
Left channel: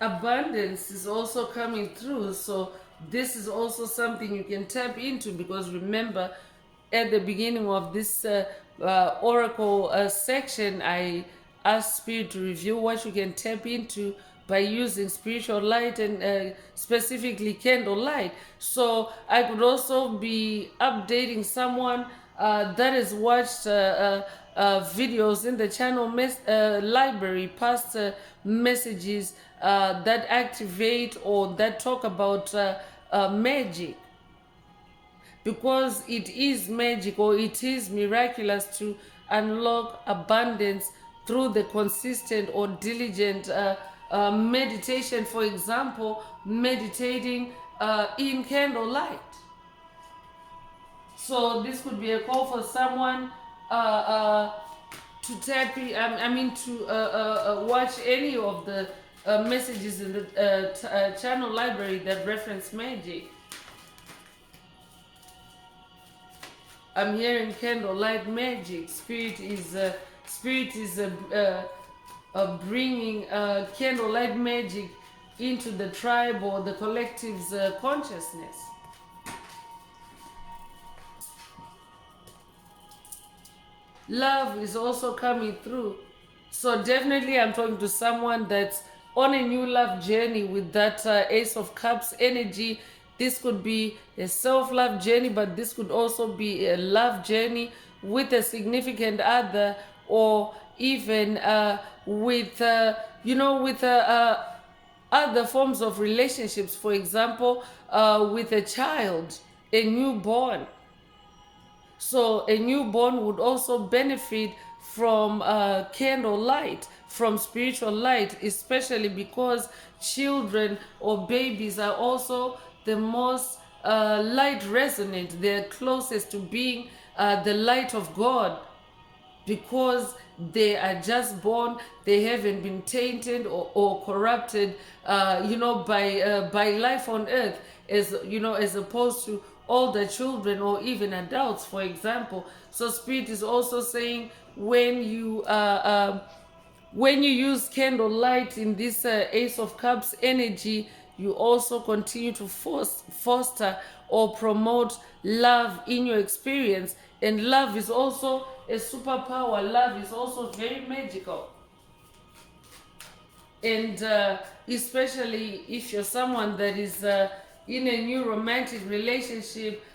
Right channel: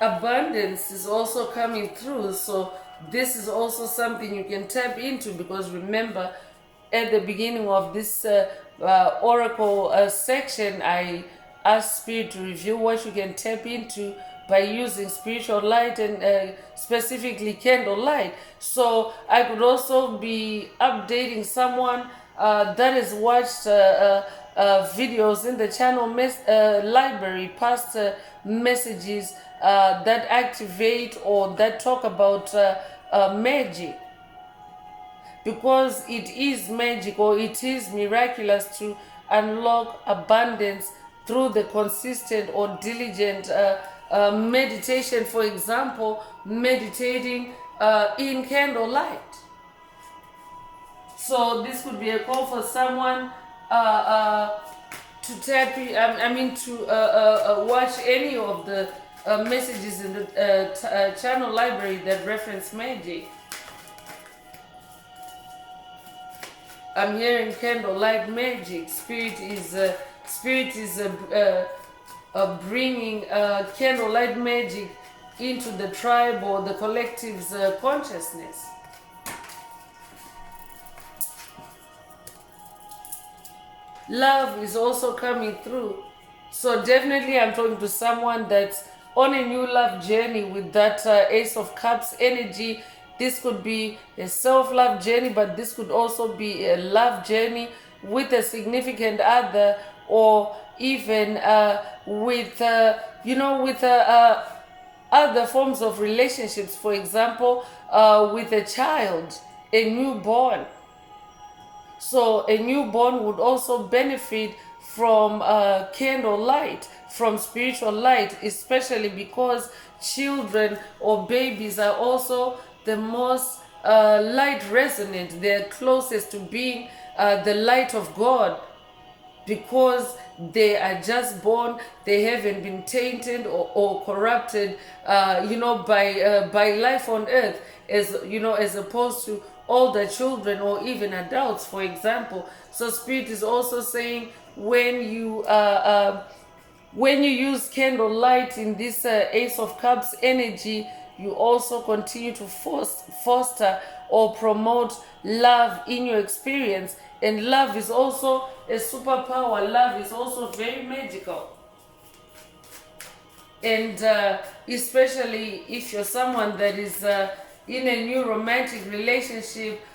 Abundance is also coming through, so this is also something you can tap into, because remember, at the beginning of this oracle section, I asked spirit to review what you can tap into by using spiritual light, and specifically candle light. So I could also be updating someone that has watched videos in the channel library, past messages that activate or that talk about magic, because it is magic, or it is miraculous to unlock abundance through the consistent or diligent meditation. For example, meditating in candlelight. So this could be a call for someone to tap. To watch any of the messages in the channel library that reference magic. I'm hearing candlelight magic. Spirit is bringing candlelight magic into the tribe or the collective's consciousness. Love is also coming through. So definitely I'm talking to someone that's on a new love journey with that Ace of Cups energy. This could be a self-love journey, but this could also be a love journey with a significant other, or even with other forms of relationships. For example, with a child, a newborn. So a newborn would also benefit from candle light, from spiritual light, especially because children or babies are also the most light resonant. They're closest to being the light of God, because they are just born. They haven't been tainted or corrupted by life on earth, as opposed to older children or even adults, for example. So spirit is also saying, when you use candle light in this Ace of Cups energy, you also continue to foster or promote love in your experience. And love is also a superpower. Love is also very magical. And especially if you're someone that is in a new romantic relationship,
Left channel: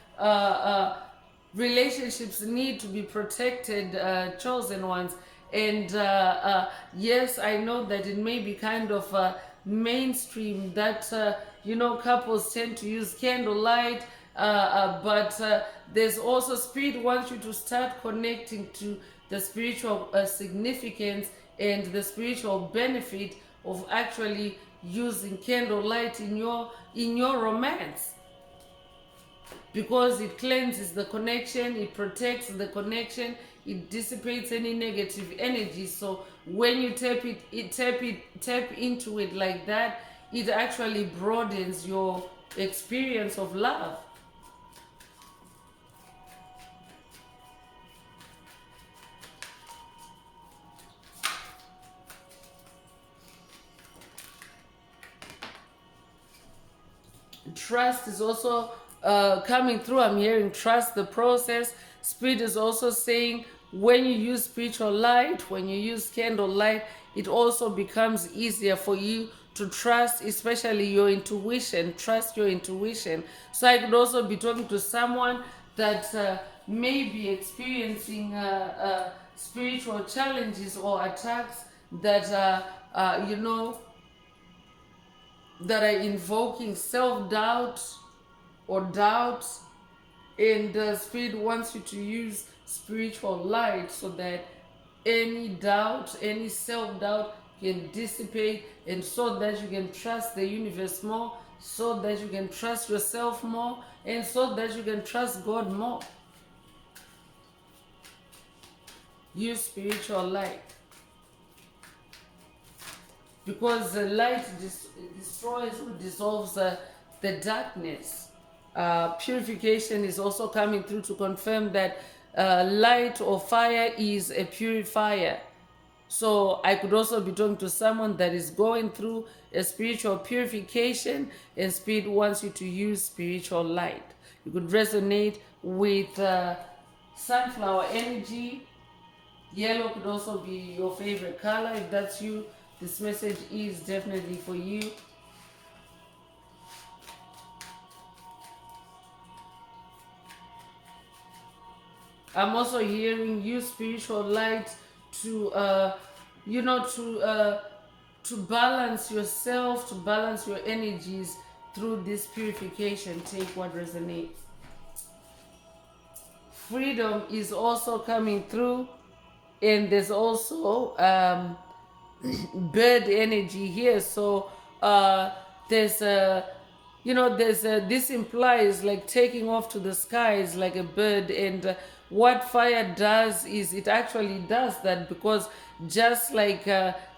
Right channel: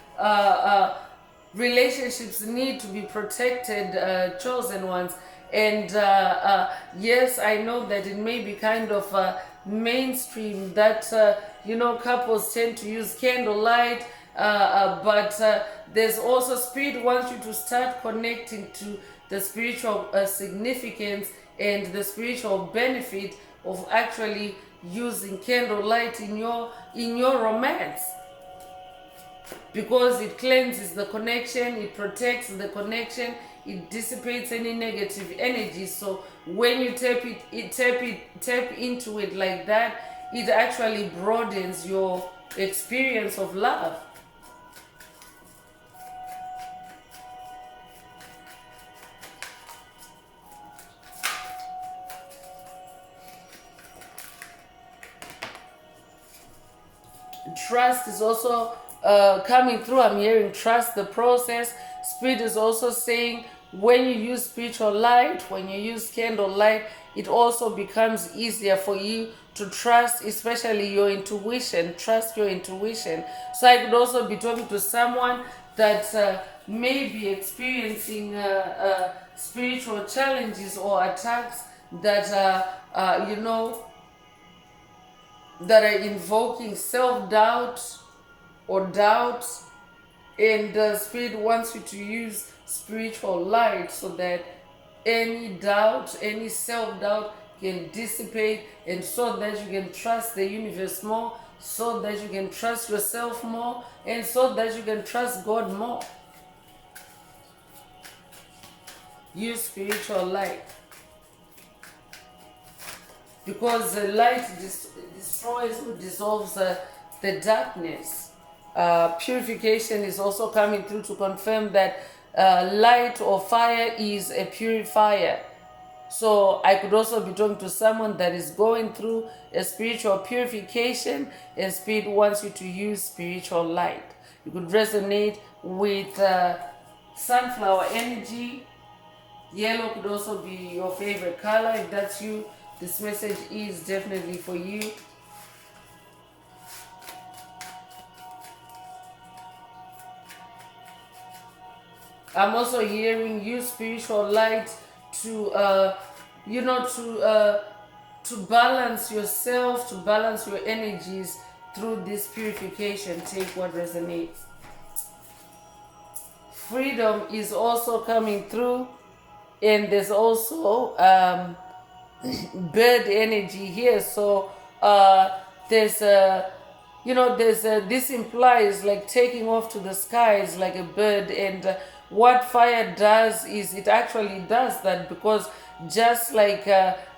relationships need to be protected, chosen ones. And yes, I know that it may be kind of mainstream that couples tend to use candlelight, but there's also spirit wants you to start connecting to the spiritual significance and the spiritual benefit of actually using candlelight in your romance, because it cleanses the connection, it protects the connection, it dissipates any negative energy. So when you tap into it like that, it actually broadens your experience of love. Trust is also coming through. I'm hearing trust the process. Spirit is also saying when you use spiritual light, when you use candle light, it also becomes easier for you to trust, especially your intuition. Trust your intuition. So I could also be talking to someone that may be experiencing spiritual challenges or attacks that that are invoking self-doubt or doubt, and the spirit wants you to use spiritual light so that any doubt, any self-doubt can dissipate, and so that you can trust the universe more, so that you can trust yourself more, and so that you can trust God more. Use spiritual light, because the light destroys or dissolves the darkness. Purification is also coming through to confirm that light or fire is a purifier. So I could also be talking to someone that is going through a spiritual purification, and Spirit wants you to use spiritual light. You could resonate with sunflower energy. Yellow could also be your favorite color. If that's you, this message is definitely for you. I'm also hearing use spiritual light to to balance yourself, to balance your energies through this purification. Take what resonates. Freedom is also coming through, and there's also bird energy here. So there's a this implies like taking off to the skies like a bird, and what fire does is it actually does that, because just like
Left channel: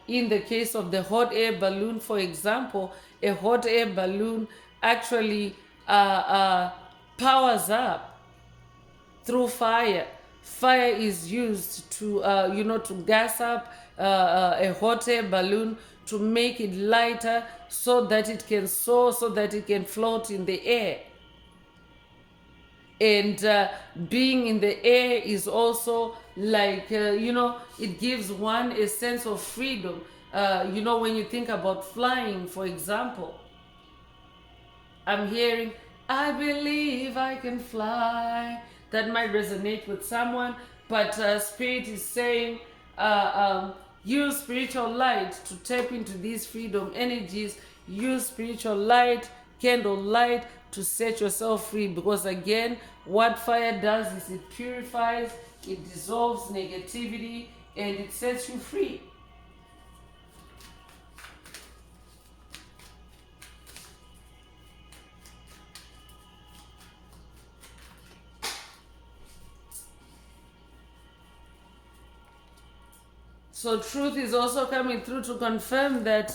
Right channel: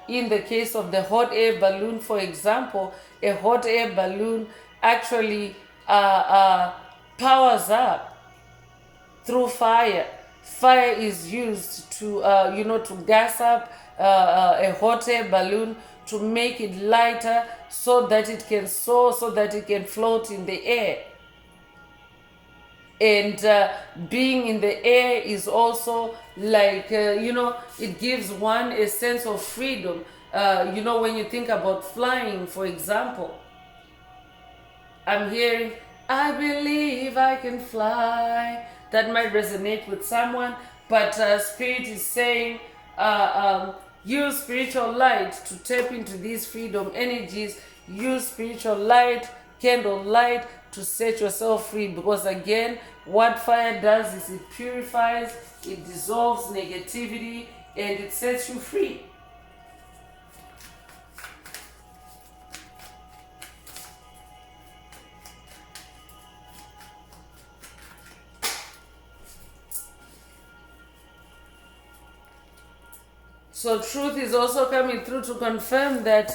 in the case of the hot air balloon, for example, a hot air balloon actually powers up through fire. Fire is used to to gas up a hot air balloon, to make it lighter so that it can soar, so that it can float in the air. And being in the air is also like it gives one a sense of freedom. When you think about flying, for example, I'm hearing, I believe I can fly. That might resonate with someone, but Spirit is saying, use spiritual light to tap into these freedom energies. Use spiritual light, candle light, to set yourself free. Because again, what fire does is it purifies, it dissolves negativity, and it sets you free. So truth is also coming through to confirm that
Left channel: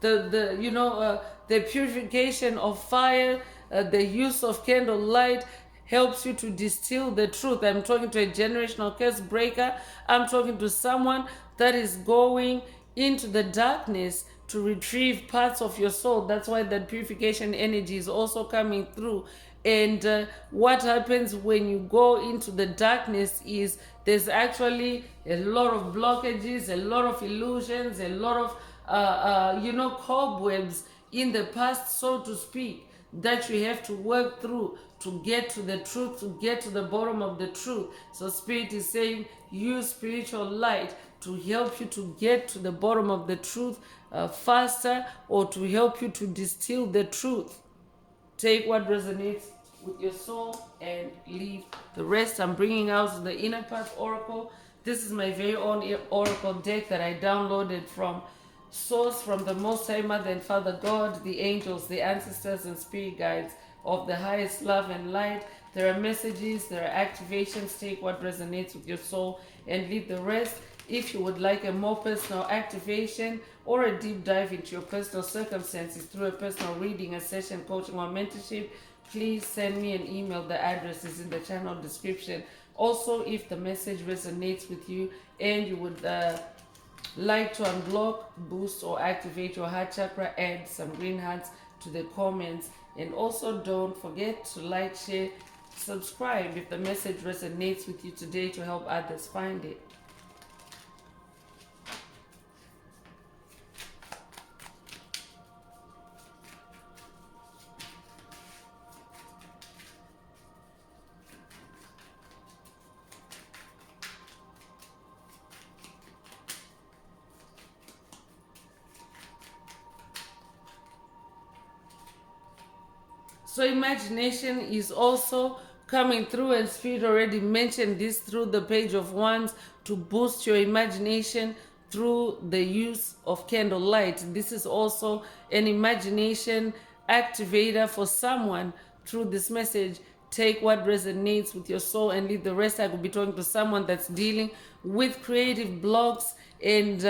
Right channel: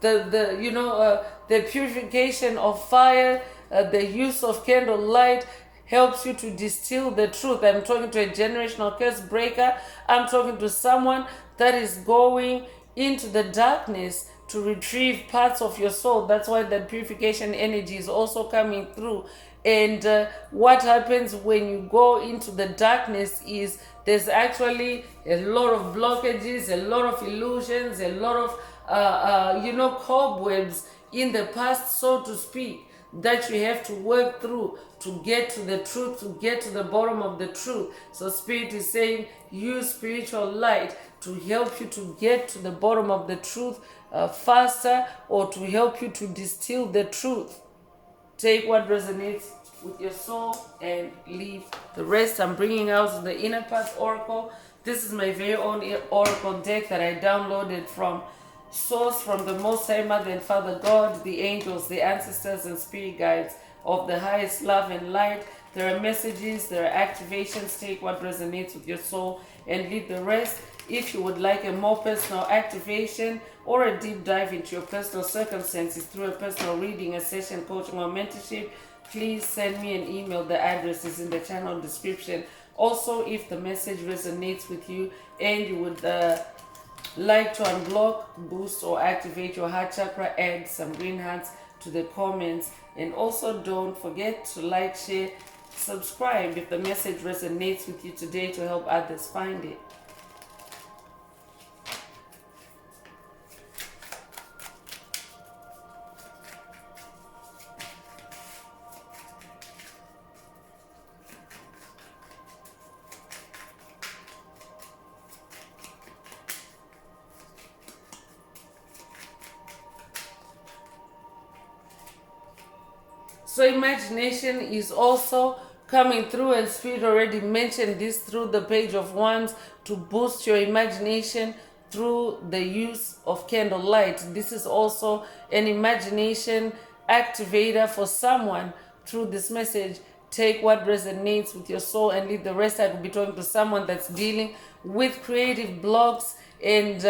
the purification of fire, the use of candle light helps you to distill the truth. I'm talking to a generational curse breaker. I'm talking to someone that is going into the darkness to retrieve parts of your soul. That's why that purification energy is also coming through. And what happens when you go into the darkness is there's actually a lot of blockages, a lot of illusions, a lot of cobwebs in the past, so to speak, that you have to work through to get to the truth, to get to the bottom of the truth. So Spirit is saying use spiritual light to help you to get to the bottom of the truth faster, or to help you to distill the truth. Take what resonates with your soul and leave the rest. I'm bringing out the Inner Path Oracle. This is my very own Oracle deck that I downloaded from Source, from the Most High Mother and Father God, the angels, the ancestors, and spirit guides of the highest love and light. There are messages, there are activations. Take what resonates with your soul and leave the rest. If you would like a more personal activation or a deep dive into your personal circumstances through a personal reading, a session, coaching, or mentorship, please send me an email. The address is in the channel description. Also, if the message resonates with you and you would like to unblock, boost, or activate your heart chakra, add some green hearts to the comments And also don't forget to like, share, subscribe if the message resonates with you today to help others find it. So imagination is also coming through, and Spirit already mentioned this through the Page of Wands, to boost your imagination through the use of candlelight. This is also an imagination activator for someone through this message. Take what resonates with your soul and leave the rest. I could be talking to someone that's dealing with creative blocks and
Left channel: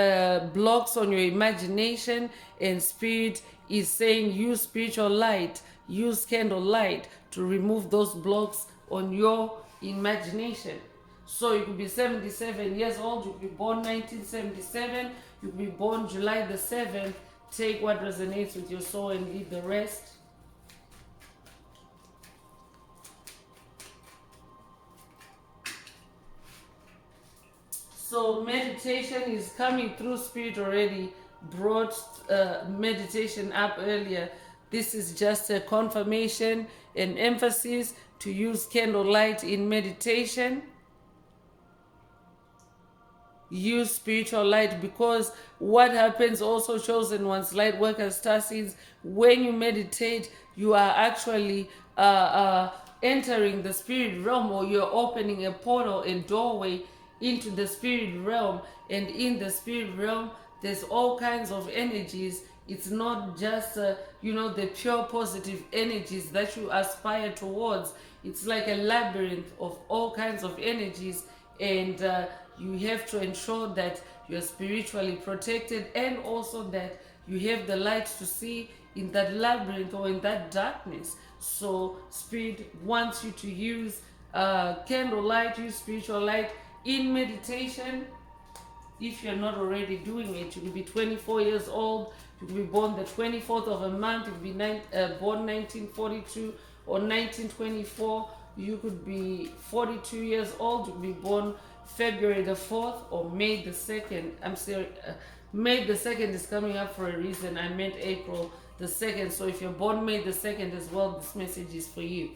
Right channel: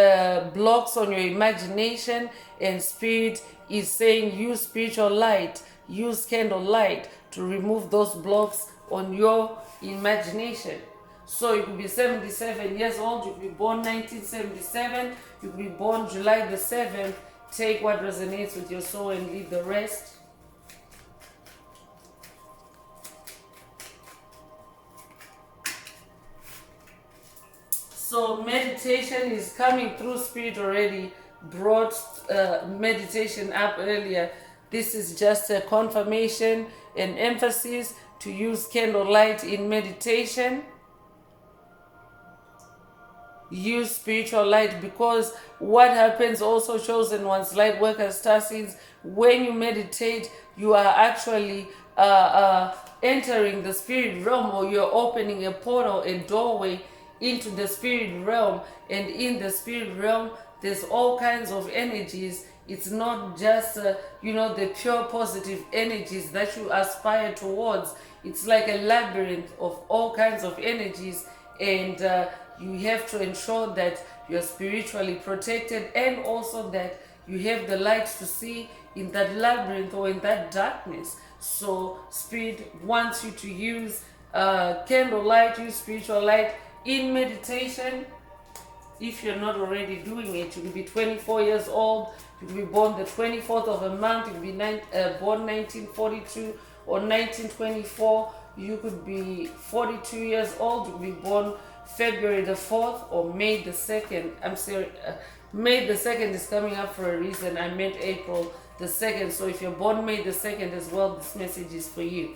blocks on your imagination, and Spirit is saying use spiritual light, use candlelight to remove those blocks on your imagination. So you could be 77 years old, you could be born 1977, you could be born July the 7th. Take what resonates with your soul and leave the rest. So meditation is coming through. Spirit already brought meditation up earlier. This is just a confirmation and emphasis to use candlelight in meditation. Use spiritual light, because what happens also, chosen ones, light workers, star seeds, when you meditate, you are actually entering the spirit realm, or you're opening a portal, a doorway into the spirit realm. And in the spirit realm, there's all kinds of energies. It's not just the pure positive energies that you aspire towards. It's like a labyrinth of all kinds of energies, and you have to ensure that you're spiritually protected, and also that you have the light to see in that labyrinth or in that darkness. So Spirit wants you to use candlelight, use spiritual light in meditation. If you're not already doing it, you will be 24 years old, you will be born the 24th of a month, you will be born 1942 or 1924, you could be 42 years old, you will be born February the 4th or May the 2nd. I'm sorry, May the 2nd is coming up for a reason. I meant April the 2nd. So if you're born May the 2nd as well, this message is for you.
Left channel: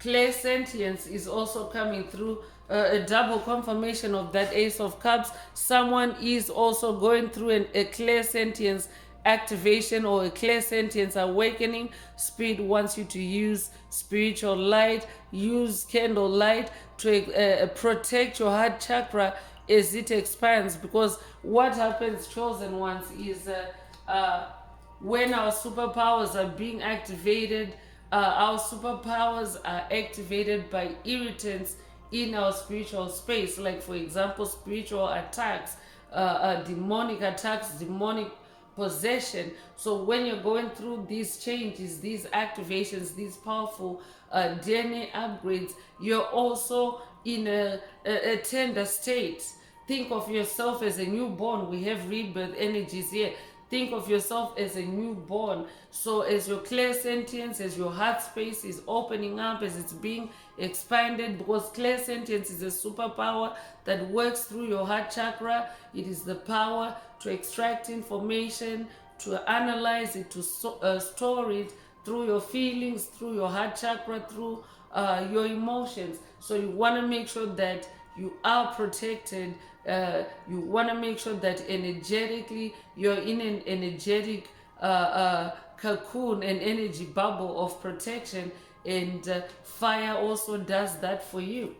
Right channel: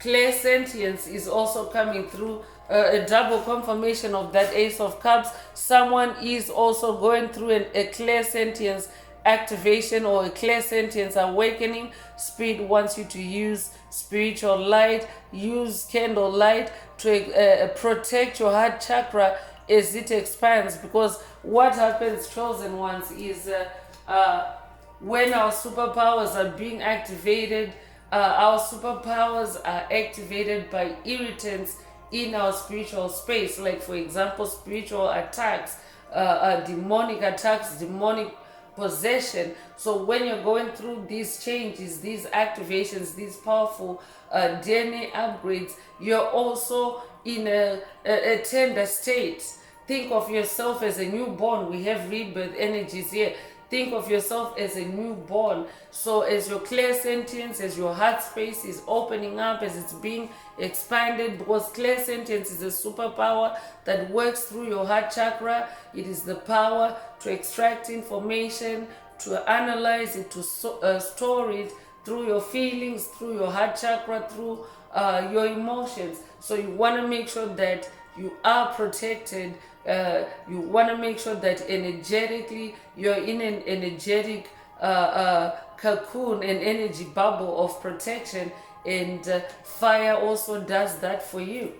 Clairsentience is also coming through, a double confirmation of that Ace of Cups. Someone is also going through a clairsentience activation or a clairsentience awakening. Spirit wants you to use spiritual light, use candle light to protect your heart chakra as it expands. Because what happens, chosen ones, is when our superpowers are being activated, our superpowers are activated by irritants in our spiritual space. Like, for example, spiritual attacks, demonic attacks, demonic possession. So when you're going through these changes, these activations, these powerful DNA upgrades, you're also in a tender state. Think of yourself as a newborn. We have rebirth energies here. Think of yourself as a newborn. So as your clairsentience, as your heart space is opening up, as it's being expanded, because clairsentience is a superpower that works through your heart chakra. It is the power to extract information, to analyze it, to store it through your feelings, through your heart chakra, through your emotions. So you want to make sure that you are protected. You want to make sure that energetically you're in an energetic cocoon, an energy bubble of protection, and fire also does that for you.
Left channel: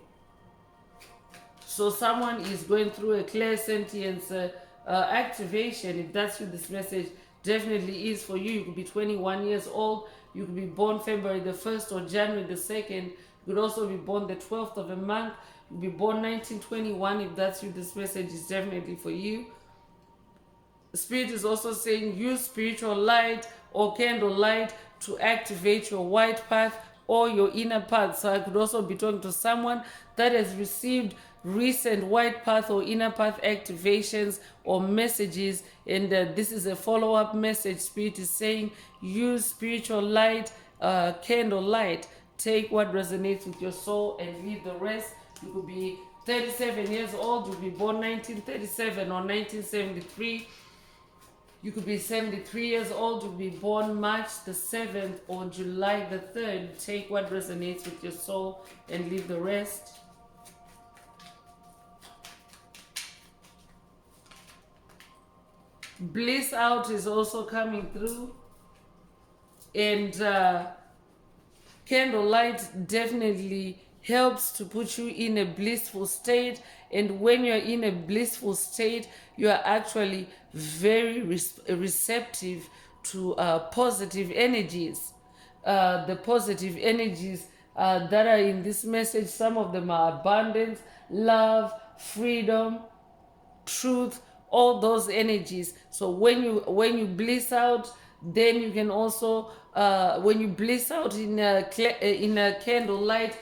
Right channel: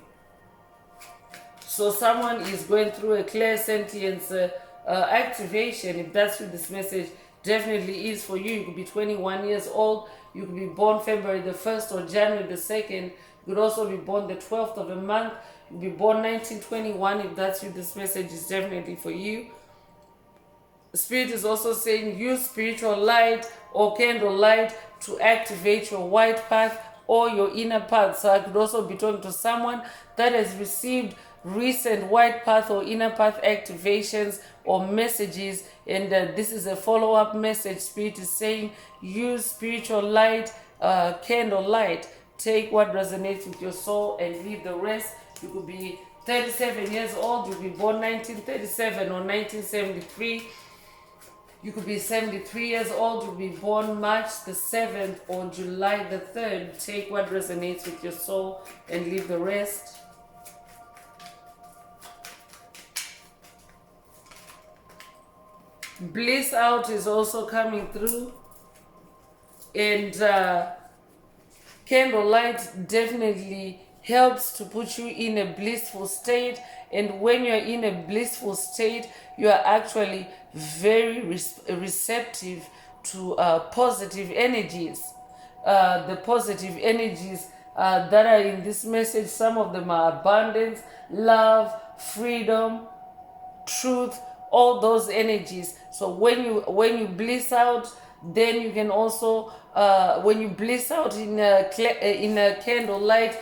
So someone is going through a clairsentience activation. If that's what this message definitely is for you. You could be 21 years old, you could be born February the 1st or January the 2nd. You could also be born the 12th of a month. You could be born 1921. If that's what this message is definitely for you. Spirit is also saying use spiritual light or candle light to activate your white path, or your inner path. So I could also be talking to someone that has received recent white path or inner path activations or messages, and this is a follow-up message. Spirit is saying use spiritual light, candle light. Take what resonates with your soul and leave the rest. You could be 37 years old, you'll be born 1937 or 1973. You could be 73 years old, you'll be born March the 7th or July the 3rd. Take what resonates with your soul and leave the rest. Bliss out is also coming through. And candlelight definitely helps to put you in a blissful state. And when you're in a blissful state, you are actually very receptive to positive energies. The positive energies that are in this message, some of them are abundance, love, freedom, truth, all those energies. So when you bliss out, then you can also when you bliss out in a candlelight,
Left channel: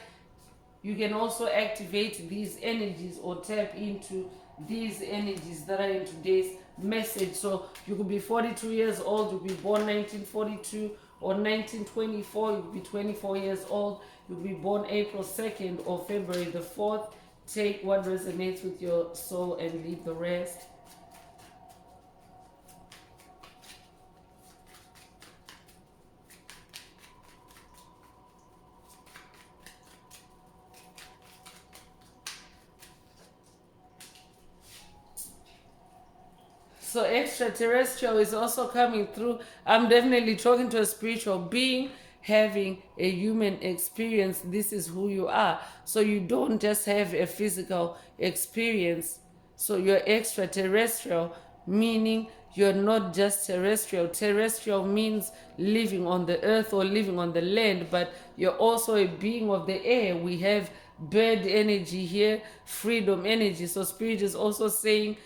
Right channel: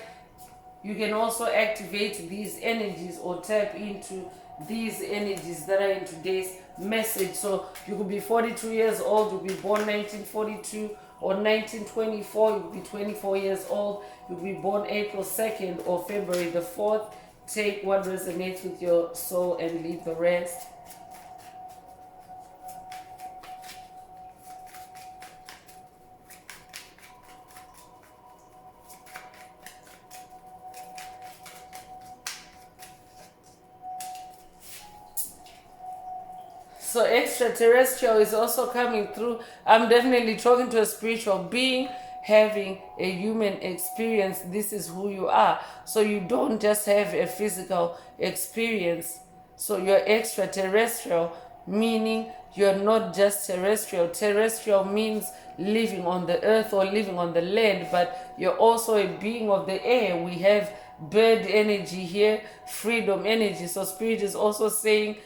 you can also activate these energies or tap into these energies that are in today's message. So you could be 42 years old, you'll be born 1942 or 1924, you'll be 24 years old, you'll be born April 2nd or February the 4th. Take what resonates with your soul and leave the rest. So extraterrestrial is also coming through. I'm definitely talking to a spiritual being having a human experience. This is who you are. So you don't just have a physical experience. So you're extraterrestrial, meaning you're not just terrestrial. Terrestrial means living on the earth or living on the land, but you're also a being of the air. We have bird energy here, freedom energy. So spirit is also saying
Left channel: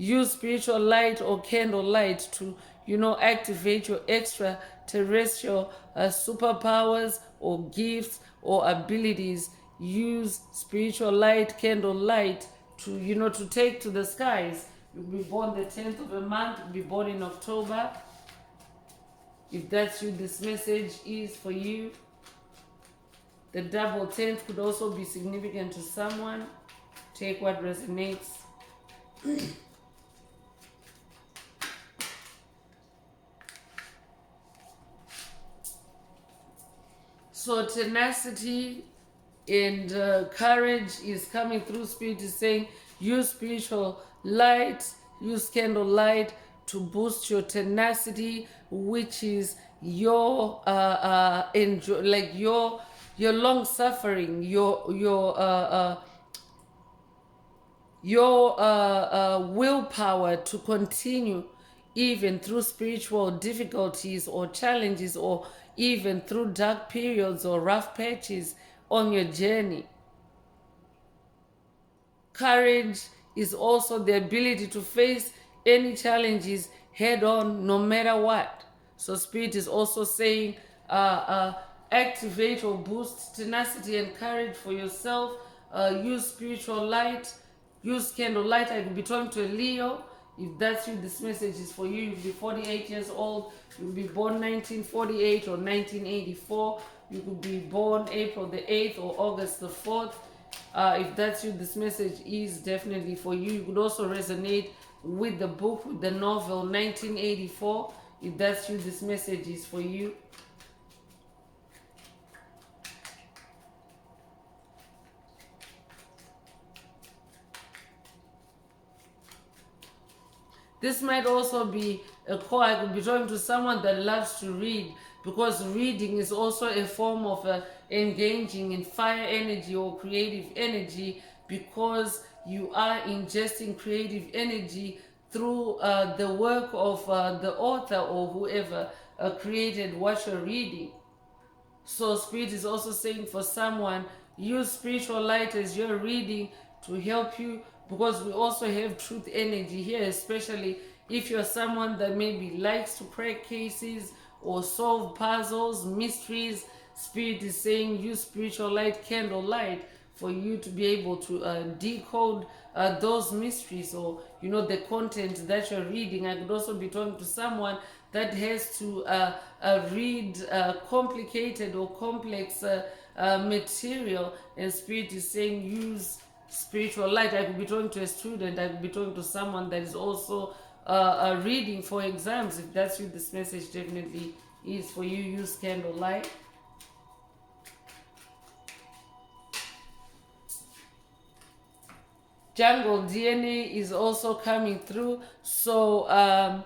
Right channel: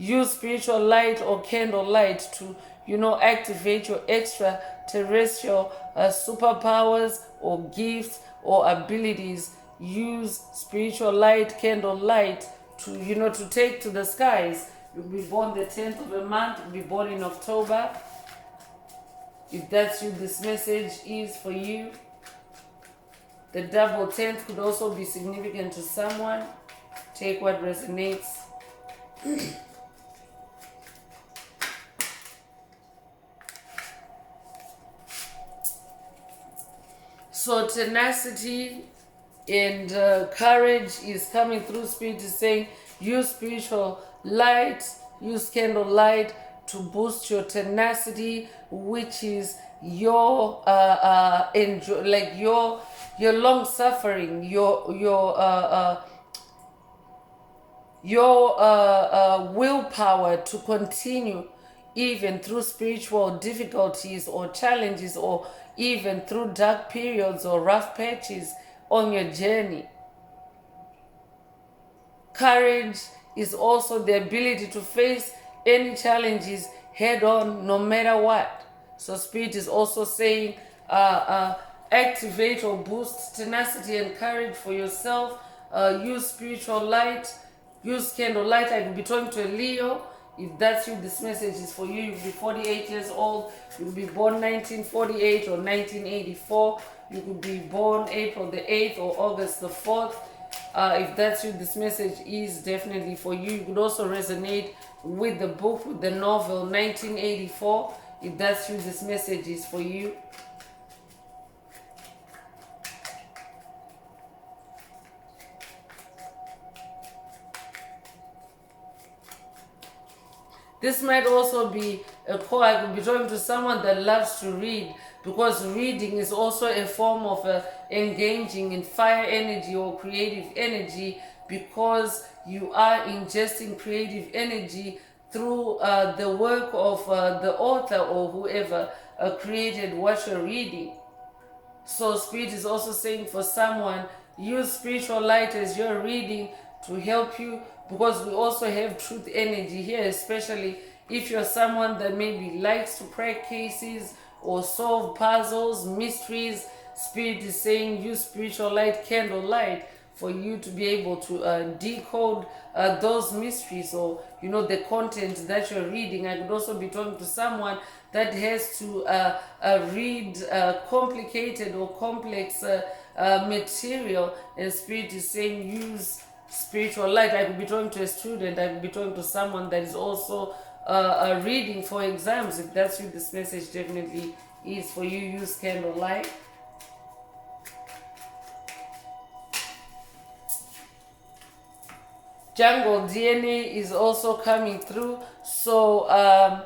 use spiritual light or candle light to activate your extraterrestrial superpowers or gifts or abilities. Use spiritual light, candle light to take to the skies. You'll be born the 10th of a month, you'll be born in October. If that's you, this message is for you. The double 10th could also be significant to someone. Take what resonates. So tenacity and courage is coming through. Spirit is saying use spiritual light, use candle light to boost your tenacity, which is your your long suffering, your willpower to continue even through spiritual difficulties or challenges, or even through dark periods or rough patches on your journey. Courage is also the ability to face any challenges head on, no matter what. So spirit is also saying activate or boost tenacity and courage for yourself. Use spiritual light, use candle light. I could be talking to a Leo. If that's you, this message is for you. You'll be 48 years old. You'll be born 1948 or 1984. You could be born April the 8th or August the 4th. If that's you, this message is definitely for you. You could also resonate with the book, with the novel 1984. If that's you, this message is for you. This might also be a call. I could be talking to someone that loves to read, because reading is also a form of engaging in fire energy or creative energy, because you are ingesting creative energy through the work of the author or whoever created what you're reading. So spirit is also saying for someone, use spiritual light as you're reading to help you, because we also have truth energy here, especially if you're someone that maybe likes to crack cases or solve puzzles, mysteries. Spirit is saying use spiritual light, candle light, for you to be able to decode those mysteries, or the content that you're reading. I could also be talking to someone that has to read complicated or complex material, and Spirit is saying use spiritual light. I could be talking to a student, I could be talking to someone that is also reading for exams. If that's what this message definitely is for you, use candle light. Jungle DNA is also coming through. So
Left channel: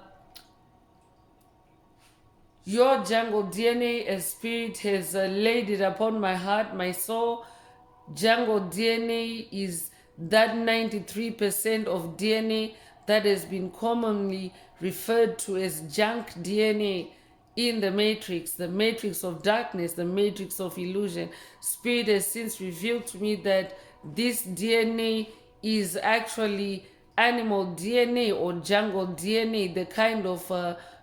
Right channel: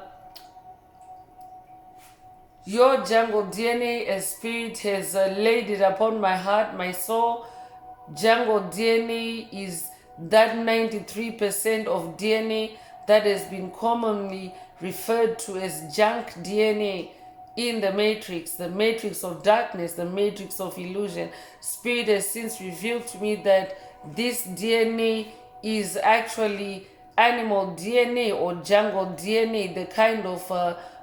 your jungle DNA as Spirit has laid it upon my heart, my soul. Jungle DNA is that 93% of DNA that has been commonly referred to as junk DNA in the matrix of darkness, the matrix of illusion. Spirit has since revealed to me that this DNA is actually animal DNA or jungle DNA, the kind of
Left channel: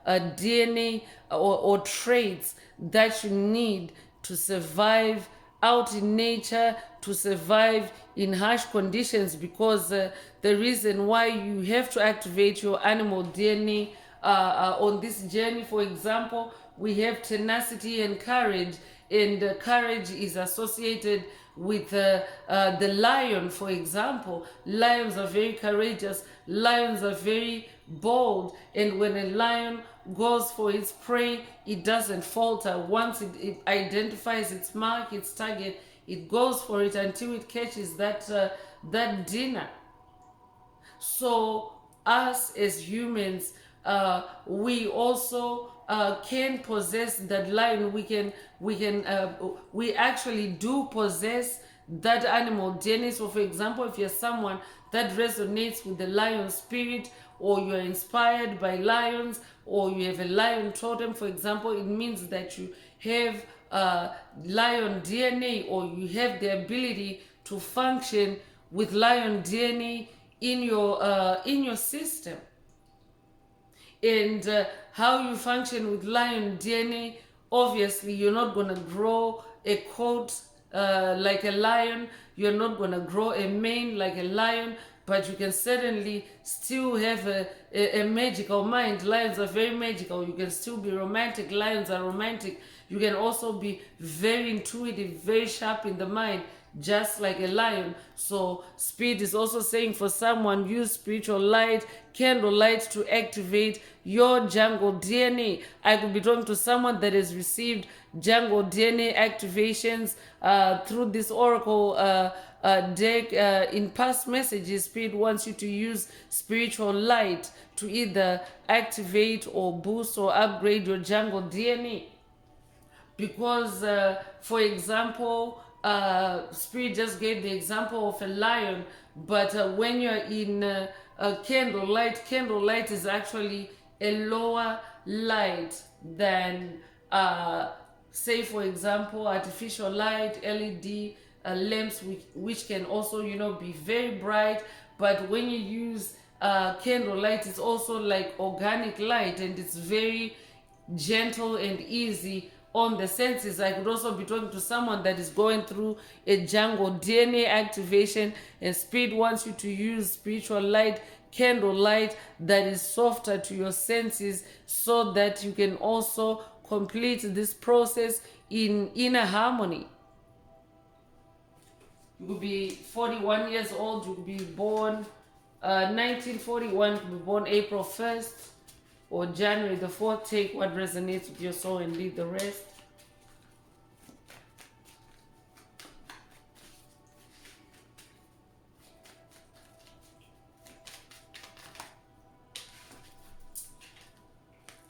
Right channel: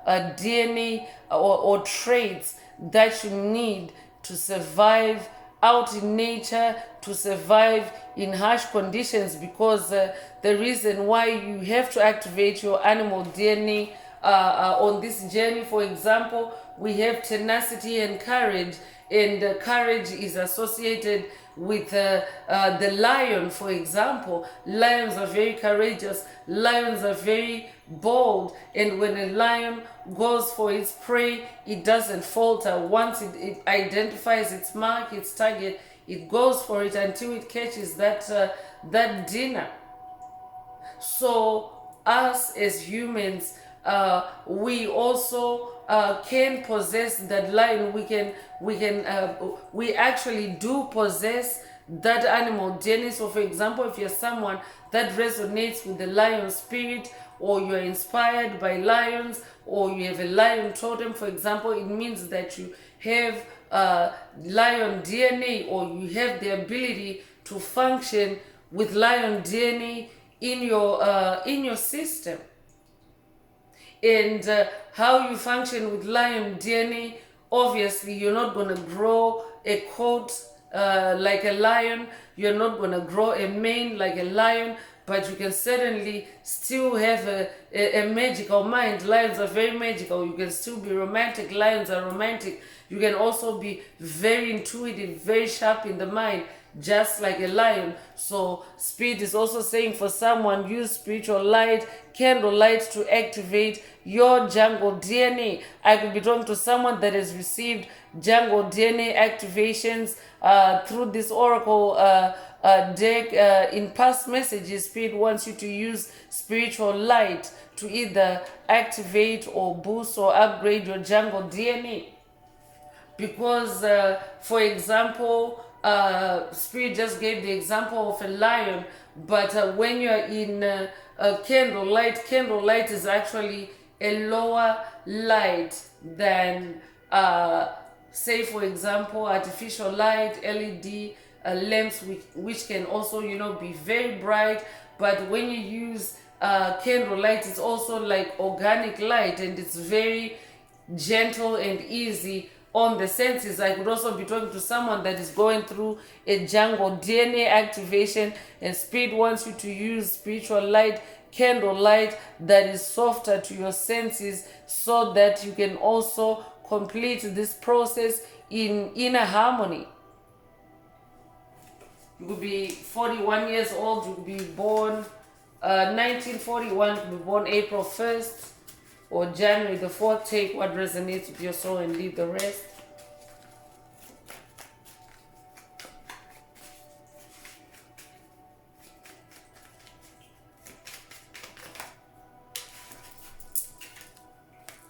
DNA or traits that you need to survive out in nature, to survive in harsh conditions, because the reason why you have to activate your animal DNA on this journey, for example, we have tenacity and courage, and courage is associated with the lion, for example. Lions are very courageous, lions are very bold, and when a lion goes for its prey, it doesn't falter. Once it identifies its mark, its target, it goes for it until it catches that dinner. So us as humans, we also can possess that lion. We actually do possess that animal DNA. So for example, if you're someone that resonates with the lion spirit, or you're inspired by lions, or you have a lion totem, for example, it means that you have lion DNA, or you have the ability to function with lion DNA in your system. And how you function with lion DNA, obviously you're not going to grow a coat like a lion, you're not going to grow a mane like a lion, but you can certainly still have a magical mind. Lions are very magical. You can still be romantic. Lions are romantic. You can also be very intuitive, very sharp in the mind, just like a lion. So Spirit is also saying for someone, use spiritual light, candle light, to activate your jungle DNA. I could be talking to someone that has received jungle DNA activations through this oracle deck in past messages. Spirit wants you to use spiritual light to either activate or boost or upgrade your jungle DNA. Because for example, Spirit just gave the example of a lion, but when you're in candlelight is actually a lower light than say for example artificial light, LED lamps, which can also be very bright. But when you use candlelight, it's also like organic light, and it's very gentle and easy on the senses. I could also be talking to someone that is going through a jungle DNA activation, and Spirit wants you to use spiritual light, candle light, that is softer to your senses, so that you can also complete this process in inner harmony. You could be 41 years old, you could be born 1941, you could be born April 1st or January the 4th. Take what resonates with your soul and leave the rest.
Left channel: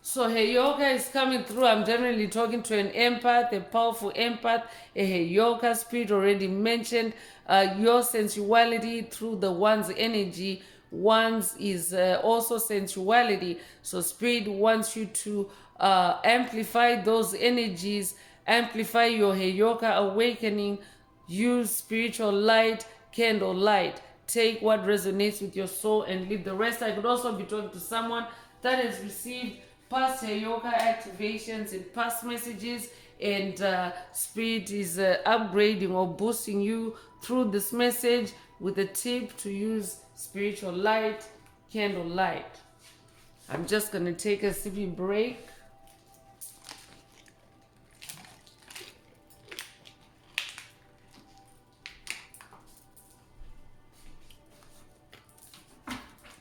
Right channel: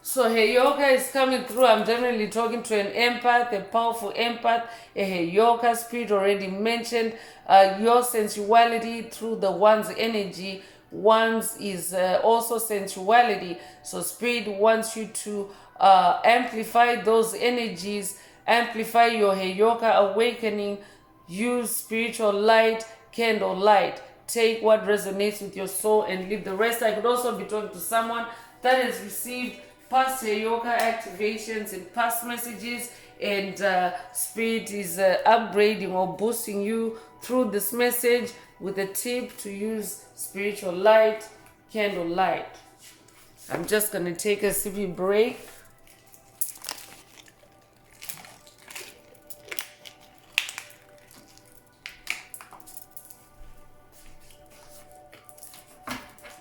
So Heyoka is coming through. I'm generally talking to an empath, a powerful empath. A Heyoka Spirit already mentioned your sensuality through the one's energy. One's is also sensuality. So Spirit wants you to amplify those energies, amplify your Heyoka awakening. Use spiritual light, candle light. Take what resonates with your soul and leave the rest. I could also be talking to someone that has received past Heyoka activations and past messages, and Spirit is upgrading or boosting you through this message with a tip to use spiritual light, candle light. I'm just going to take a sippy break.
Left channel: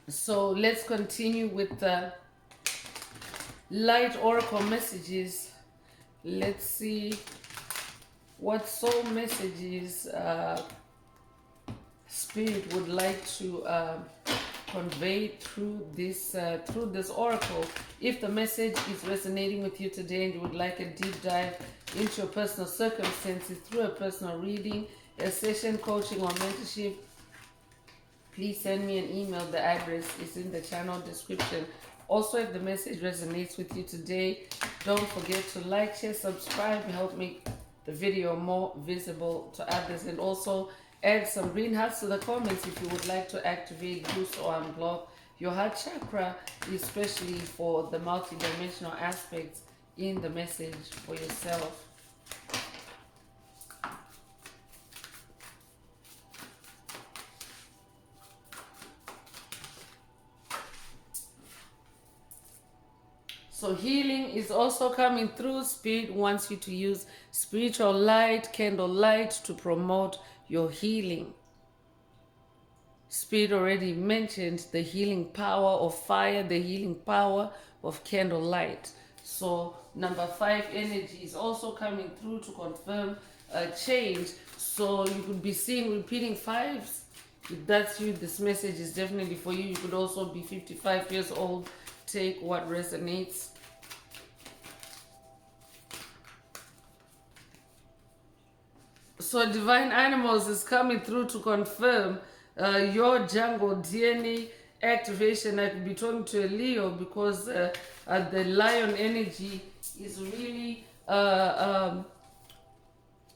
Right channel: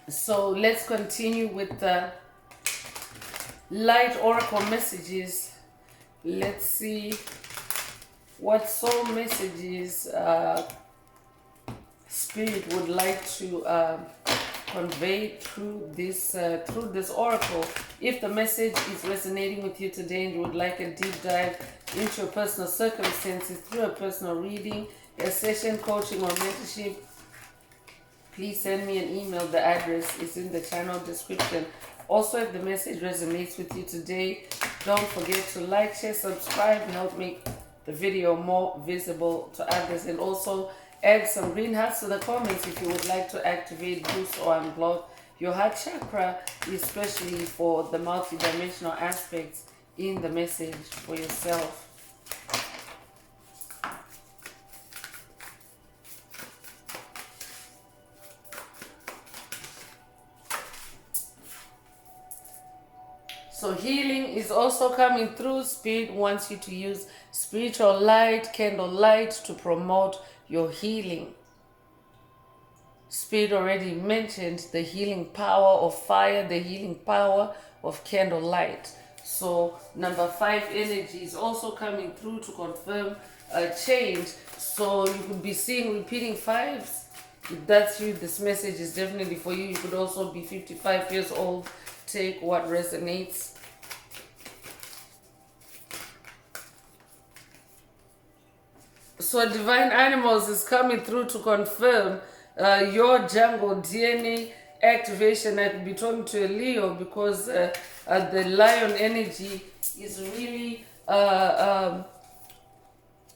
So let's continue with the light oracle messages. Let's see what soul messages Spirit would like to convey through this oracle. If the message is resonating with you today and you would like a deep dive into your personal circumstances through a personal reading, a session, coaching, or mentorship, please send me an email. The address is in the channel description. Also, if the message resonates with you today, don't forget to like, share, subscribe, and help make the video more visible to others. And also add some green hearts to the comments if you would like to activate, boost, or unblock your heart chakra, especially for the multidimensional aspects in the message for yourself. So healing is also coming through. Spirit wants you to use spiritual light, candle light, to promote your healing. Spirit already mentioned the healing power of fire, the healing power of candle light. So number 5 energy is also coming through to confirm a change. So you could be seeing repeating 5s. If that's you, this message is definitely for you. You could also be 55 years old. Take what resonates. So divine animals is coming through to confirm your jungle DNA activation. I could be talking to a Leo because the lion energy is really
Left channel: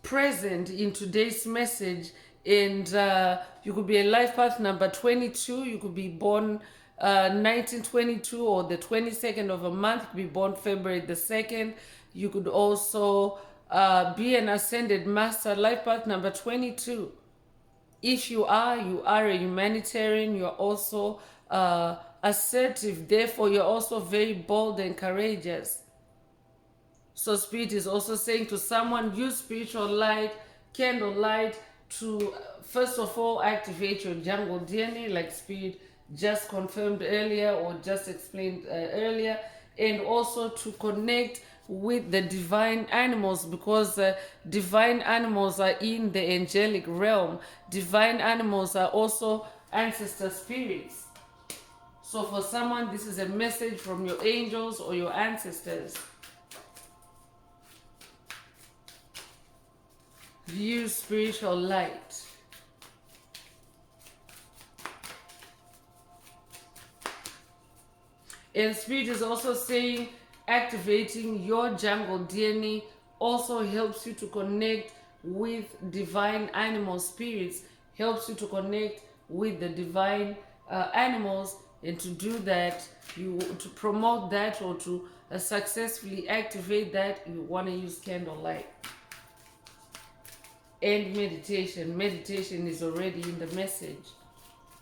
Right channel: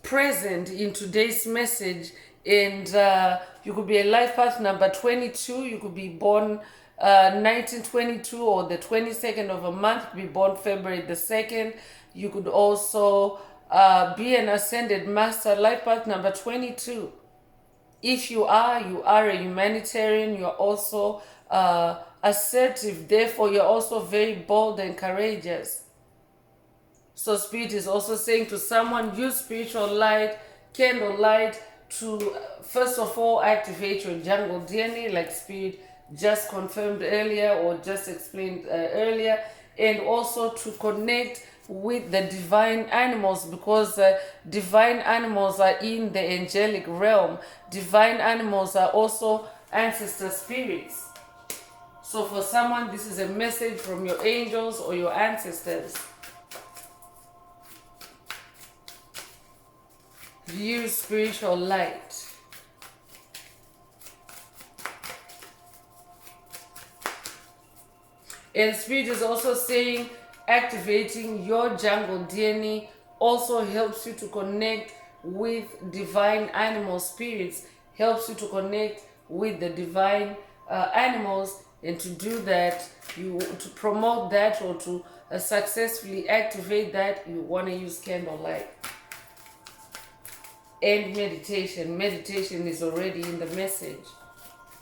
present in today's message. And you could be a life path number 22. You could be born 1922 or the 22nd of a month. You could be born February the 2nd. You could also be an ascended master, life path number 22. If you are a humanitarian. You're also assertive. Therefore, you're also very bold and courageous. So Spirit is also saying to someone, use spiritual light, candle light, to first of all activate your jungle DNA, like Spirit just confirmed earlier or just explained earlier, and also to connect with the divine animals, because divine animals are in the angelic realm. Divine animals are also ancestor spirits. So for someone, this is a message from your angels or your ancestors. Use spiritual light. And Spirit is also saying activating your jungle DNA also helps you to connect with divine animal spirits, helps you to connect with the divine animals. And to do that, to promote that or to successfully activate that, you want to use candlelight. And meditation. Meditation is already in the message.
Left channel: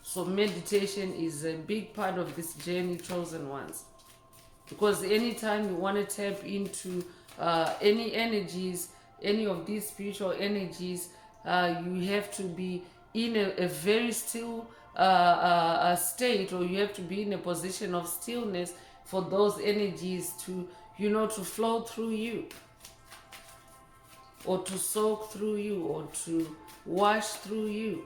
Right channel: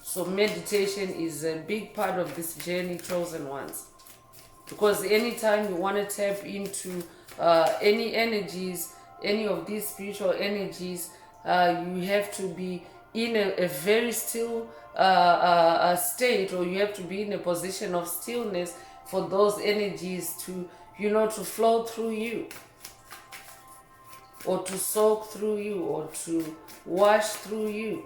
So meditation is a big part of this journey, chosen ones. Because anytime you want to tap into any energies, any of these spiritual energies, you have to be in a very still state, or you have to be in a position of stillness for those energies to, to flow through you, or to soak through you, or to wash through you.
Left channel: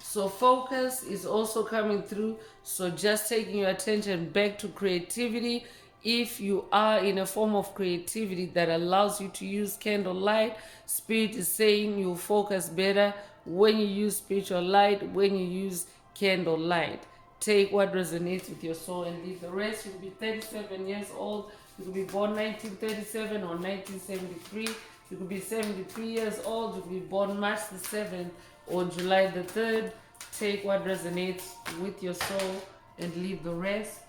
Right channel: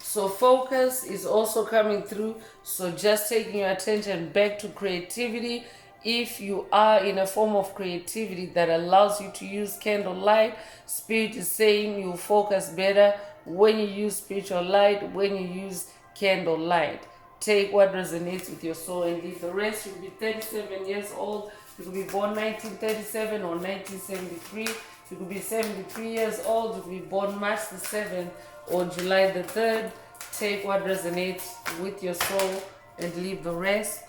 So focus is also coming through. So just taking your attention back to creativity. If you are in a form of creativity that allows you to use candlelight, Spirit is saying you focus better when you use spiritual light, when you use candlelight. Take what resonates with your soul and leave the rest. You could be 37 years old. You could be born 1937 or 1973. You could be 73 years old. You could be born March the 7th or July the 3rd. Take what resonates with your soul and leave the rest.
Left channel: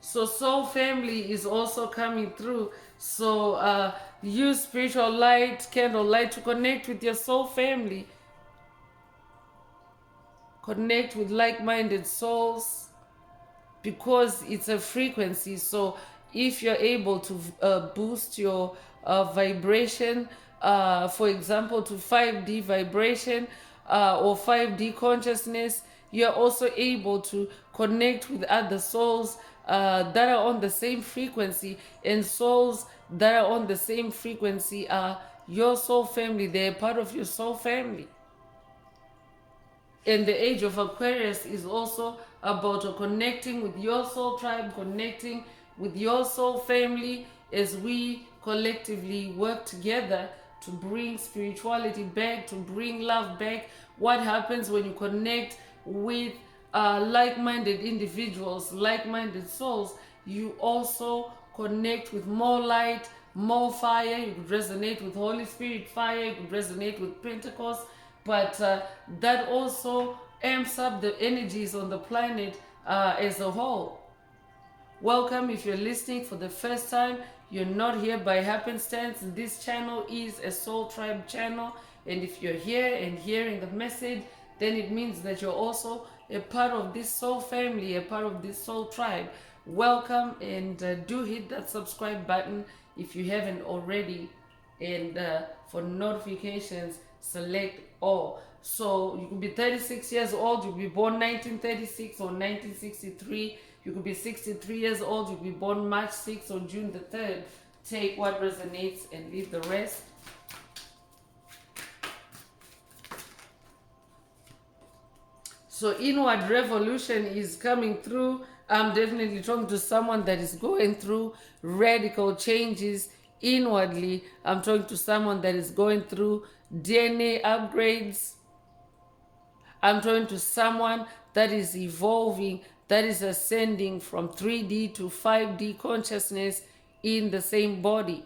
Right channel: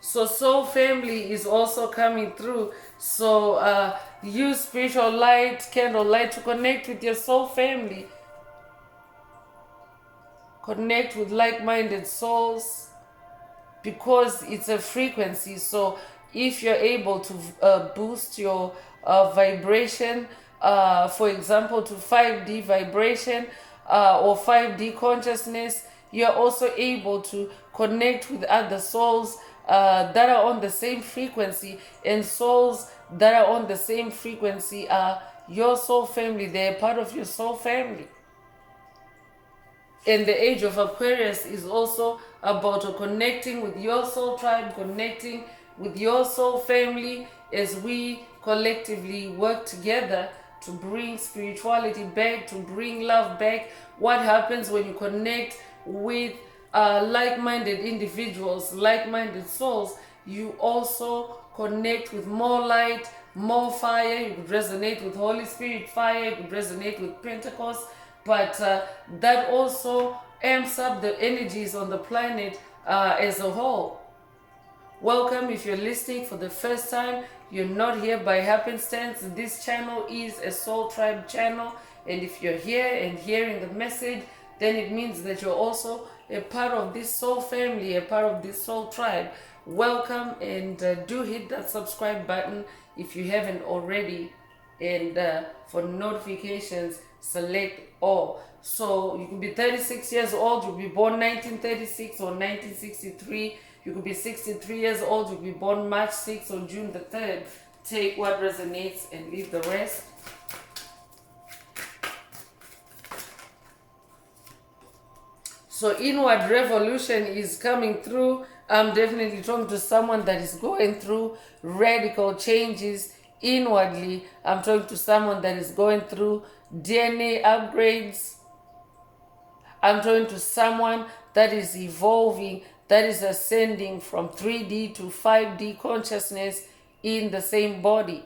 So soul family is also coming through. So use spiritual light, candle light to connect with your soul family. Connect with like-minded souls because it's a frequency. So if you're able to boost your vibration, for example, to 5D vibration or 5D consciousness, you're also able to connect with other souls that are on the same frequency, and souls that are on the same frequency are your soul family. They're part of your soul family. And the age of Aquarius is also about connecting with your soul tribe, connecting with your soul family as we collectively work together to bring spirituality back, to bring love back. What happens when you connect with like-minded individuals, like-minded souls? You also connect with more light, more fire. You could resonate with Holy Spirit fire, you could resonate with Pentecost, but that also amps up the energies on the planet as a whole. Welcome if you're listening for the first time. You're not here by happenstance. This channel is a Soul Tribe channel, and if you're here and hearing the message, then it means that you're also a part of this soul family, a part of this soul tribe. Welcome, and do hit that subscribe button if you haven't already, and for notifications, select all. So you could be 36 years old, you could be born 1936 or 1963. You could be 63 years old, you could be born March 6th or June the 3rd. Take what resonates and leave the rest. So inward revolution is coming through. I'm definitely talking to someone that is going through radical changes inwardly. I'm talking to someone that is going through DNA upgrades. I'm talking to someone that is evolving, that is ascending from 3D to 5D consciousness in the same body.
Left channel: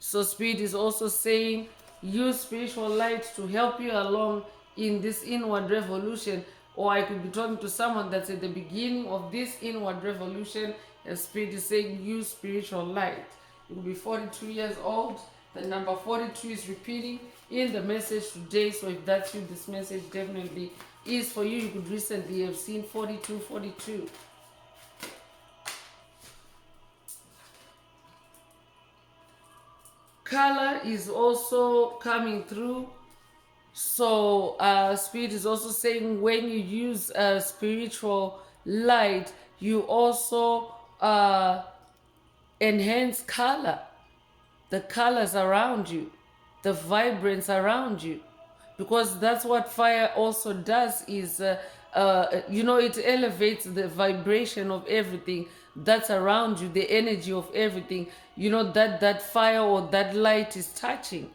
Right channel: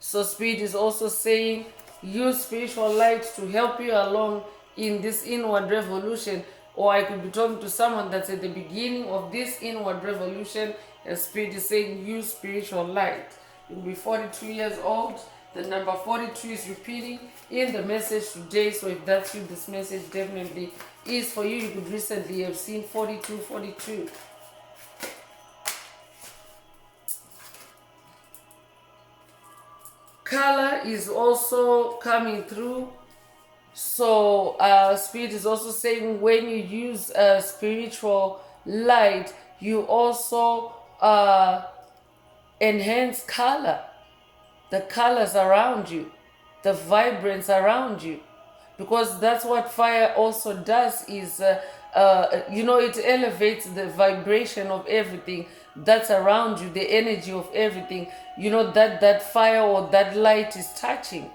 So Spirit is also saying, use spiritual light to help you along in this inward revolution. Or I could be talking to someone that's at the beginning of this inward revolution, and Spirit is saying, use spiritual light. You'll be 42 years old. The number 42 is repeating in the message today. So if that's you, this message definitely is for you. You could recently have seen 4242. Color is also coming through. So Spirit is also saying, when you use spiritual light, you also enhance color, the colors around you, the vibrance around you, because that's what fire also does. Is it elevates the vibration of everything that's around you, the energy of everything, that fire or that light is touching,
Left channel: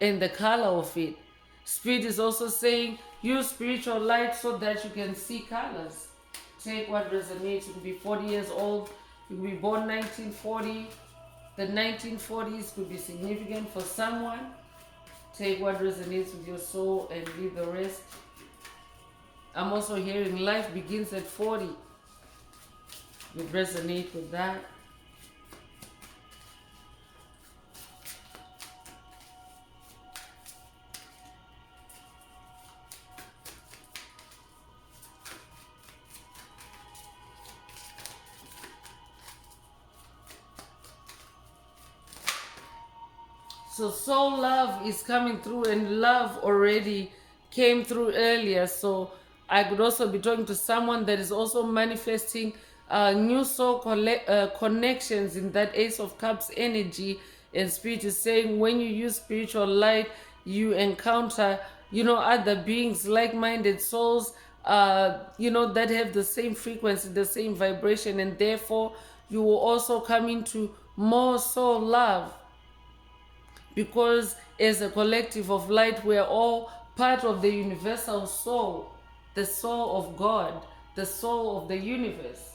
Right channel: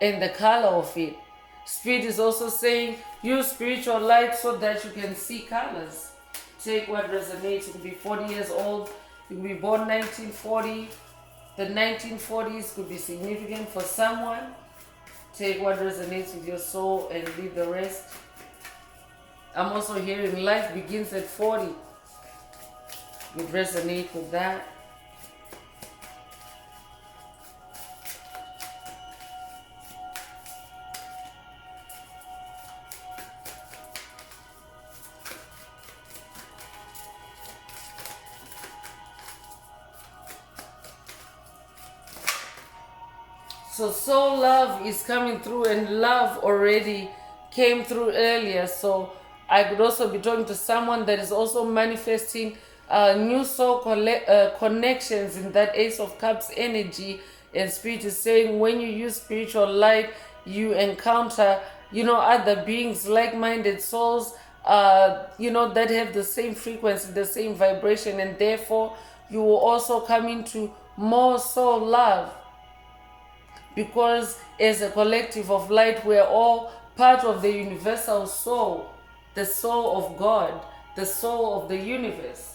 and the color of it. Spirit is also saying, use spiritual light so that you can see colors. Take what resonates. You can be 40 years old, you can be born 1940. The 1940s could be significant for someone. Take what resonates with your soul and leave the rest. I'm also hearing life begins at 40. Would resonate with that. So soul love is coming through, and love already came through earlier. So I could also be talking to someone that is also manifesting new soul connections in that Ace of Cups energy. And Spirit is saying, when you use spiritual light, you encounter, other beings, like-minded souls, that have the same frequency, the same vibration, and therefore you will also come into more soul love. Because as a collective of light, we're all part of the universal soul, the soul of God, the soul of the universe.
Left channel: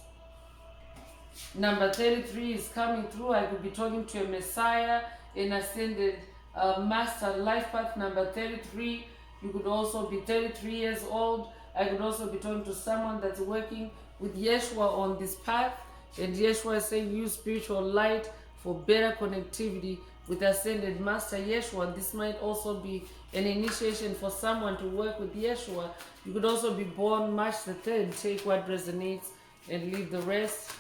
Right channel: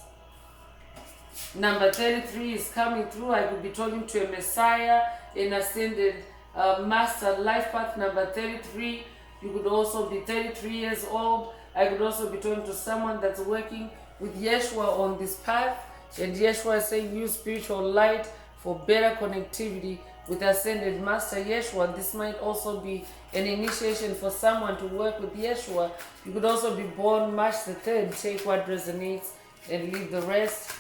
Number 33 is coming through. I could be talking to a Messiah, an ascended master. Life path number 33. You could also be 33 years old. I could also be talking to someone that's working with Yeshua on this path. And Yeshua is saying use spiritual light for better connectivity with ascended master Yeshua. This might also be an initiation for someone to work with Yeshua. You could also be born March the 3rd. Take what resonates and leave the rest.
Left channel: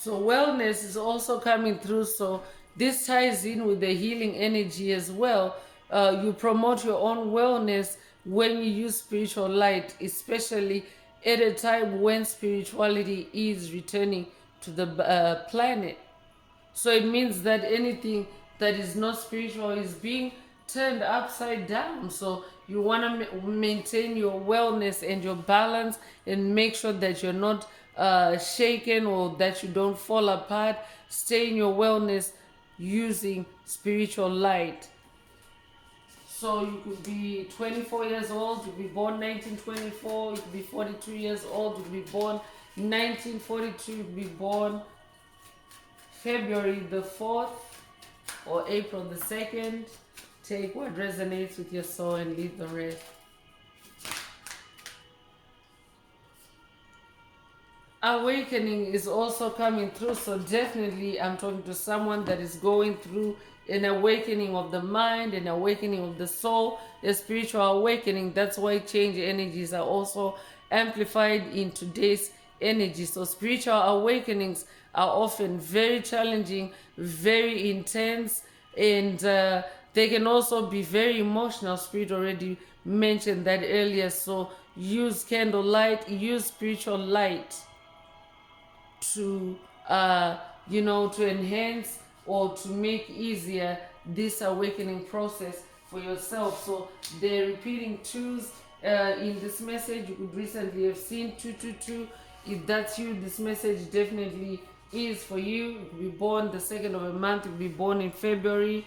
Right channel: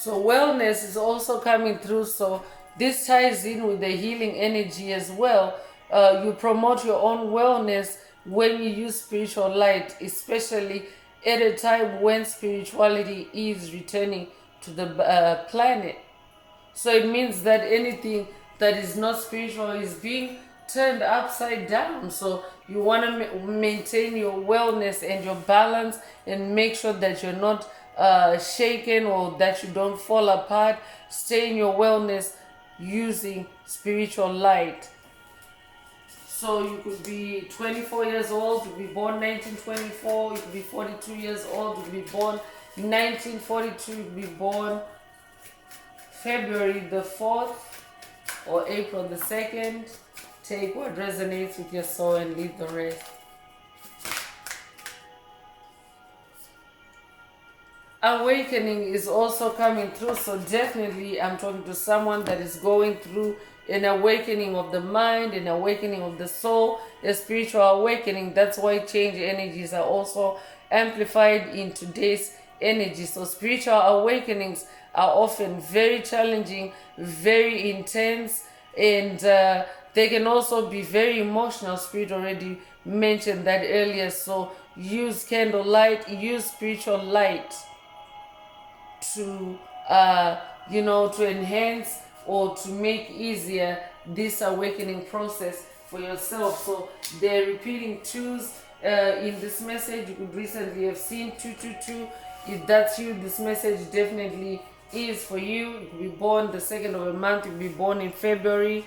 So wellness is also coming through. So this ties in with the healing energy as well. You promote your own wellness when you use spiritual light, especially at a time when spirituality is returning to the planet. So it means that anything that is not spiritual is being turned upside down. So you want to maintain your wellness and your balance and make sure that you're not shaken or that you don't fall apart. Stay in your wellness using spiritual light. So you could be 24 years old, you could be born 1924, you could be 42 years old, you could be born 1942, you could be born February the 4th or April the 2nd. Take what resonates with your soul and leave the rest. Awakening is also coming through. So definitely I'm talking to someone that is going through an awakening of the mind, an awakening of the soul, a spiritual awakening. That's why change energies are also amplified in today's energy. So spiritual awakenings are often very challenging, very intense, and they can also be very emotional. Spirit already mentioned that earlier. So use candlelight, use spiritual light to to enhance or to make easier this awakening process for yourself. So they're repeating twos in this message. You could recently have seen 222. If that's you, this message definitely is for you. You could be born the 2nd of a month. You could be born in February.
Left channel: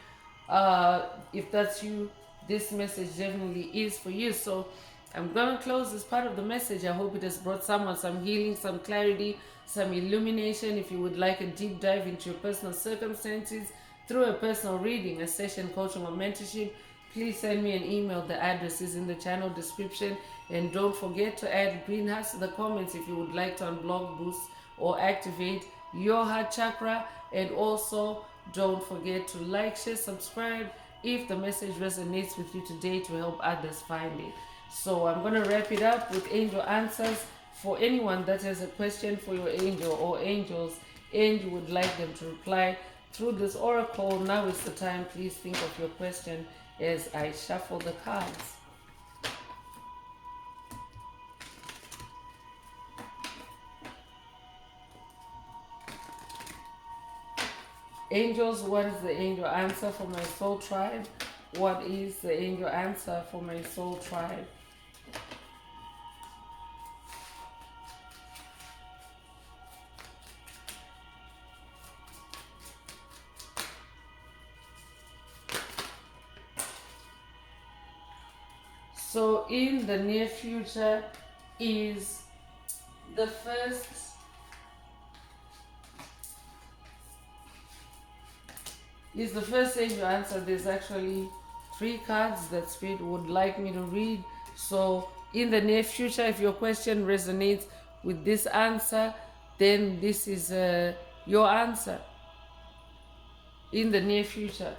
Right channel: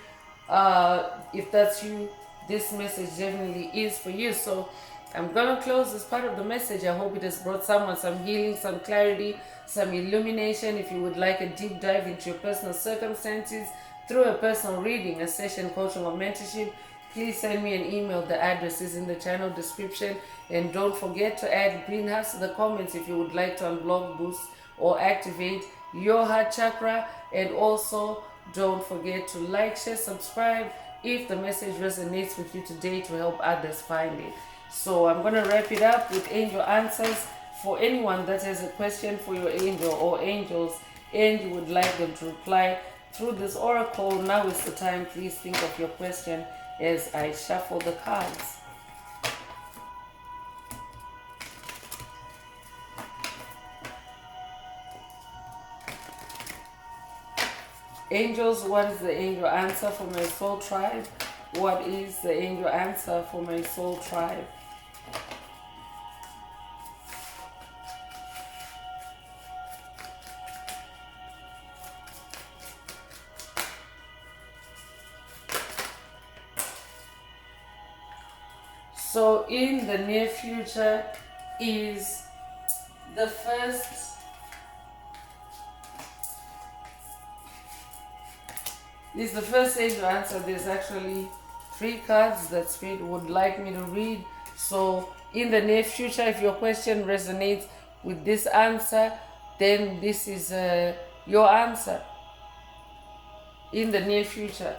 If that's you, this message definitely is for you. So I'm gonna close this part of the message. I hope it has brought someone some healing, some clarity, some illumination. If you would like a deep dive into your personal circumstances through a personal reading, a session, coaching, or mentorship, please send me an email. The address is in the channel description. And don't forget to add greenhouse to the comments if you would like to unblock, boost, or activate your heart chakra. And also don't forget to like, share, subscribe if the message resonates with you today to help others find it. So I'm going to wrap it up with angel answers. For anyone that has a question for your angel or angels and you would like them to reply through this oracle, now is the time. Please think of your question as I shuffle the cards. Angels, what is the angel answer for my soul tribe? What is the angel answer for my soul tribe? So in the near future is the first angel answer. There's actually 3 cards that Spirit would like me to read. So in the near future, if your question resonates with this answer, then this is your answer in the near future.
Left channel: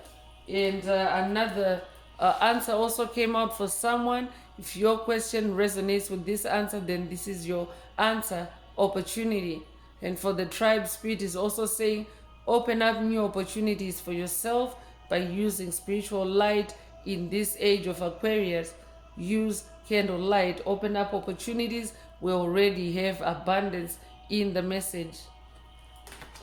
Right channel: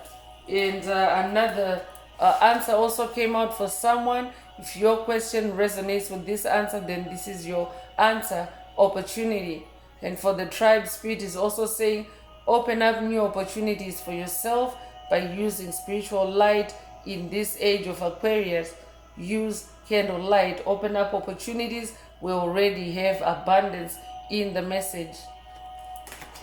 And another answer also came out for someone. If your question resonates with this answer, then this is your answer, opportunity. And for the tribe, Spirit is also saying open up new opportunities for yourself by using spiritual light in this age of Aquarius. Use candlelight, open up opportunities. We already have abundance in the message.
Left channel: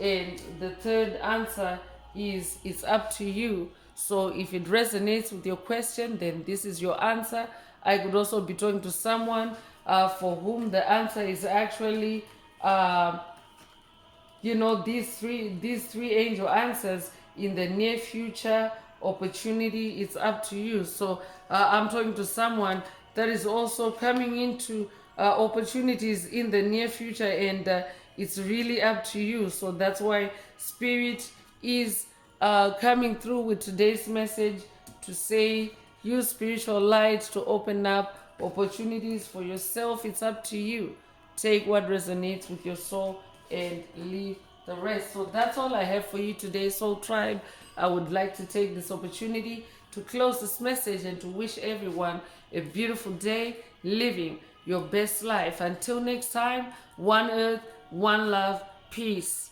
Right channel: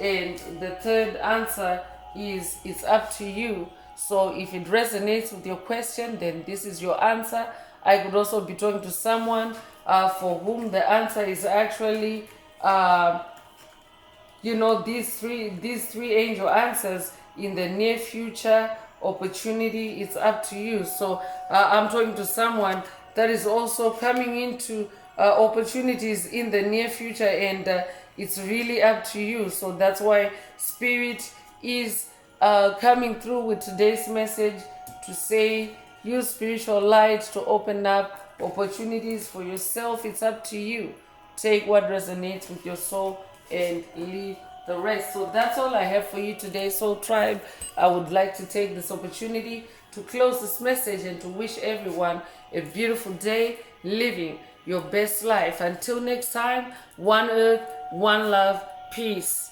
And the third answer is it's up to you. So if it resonates with your question, then this is your answer. I could also be talking to someone for whom the answer is actually these three angel answers in the near future opportunity. It's up to you. So I'm talking to someone that is also coming into opportunities in the near future, and it's really up to you. So that's why spirit is coming through with today's message to say use spiritual light to open up opportunities for yourself. It's up to you. Take what resonates with your soul and leave the rest. So that's all I have for you today, Soul Tribe. I would like to take this opportunity to close this message and to wish everyone a beautiful day living your best life. Until next time, one earth, one love, peace.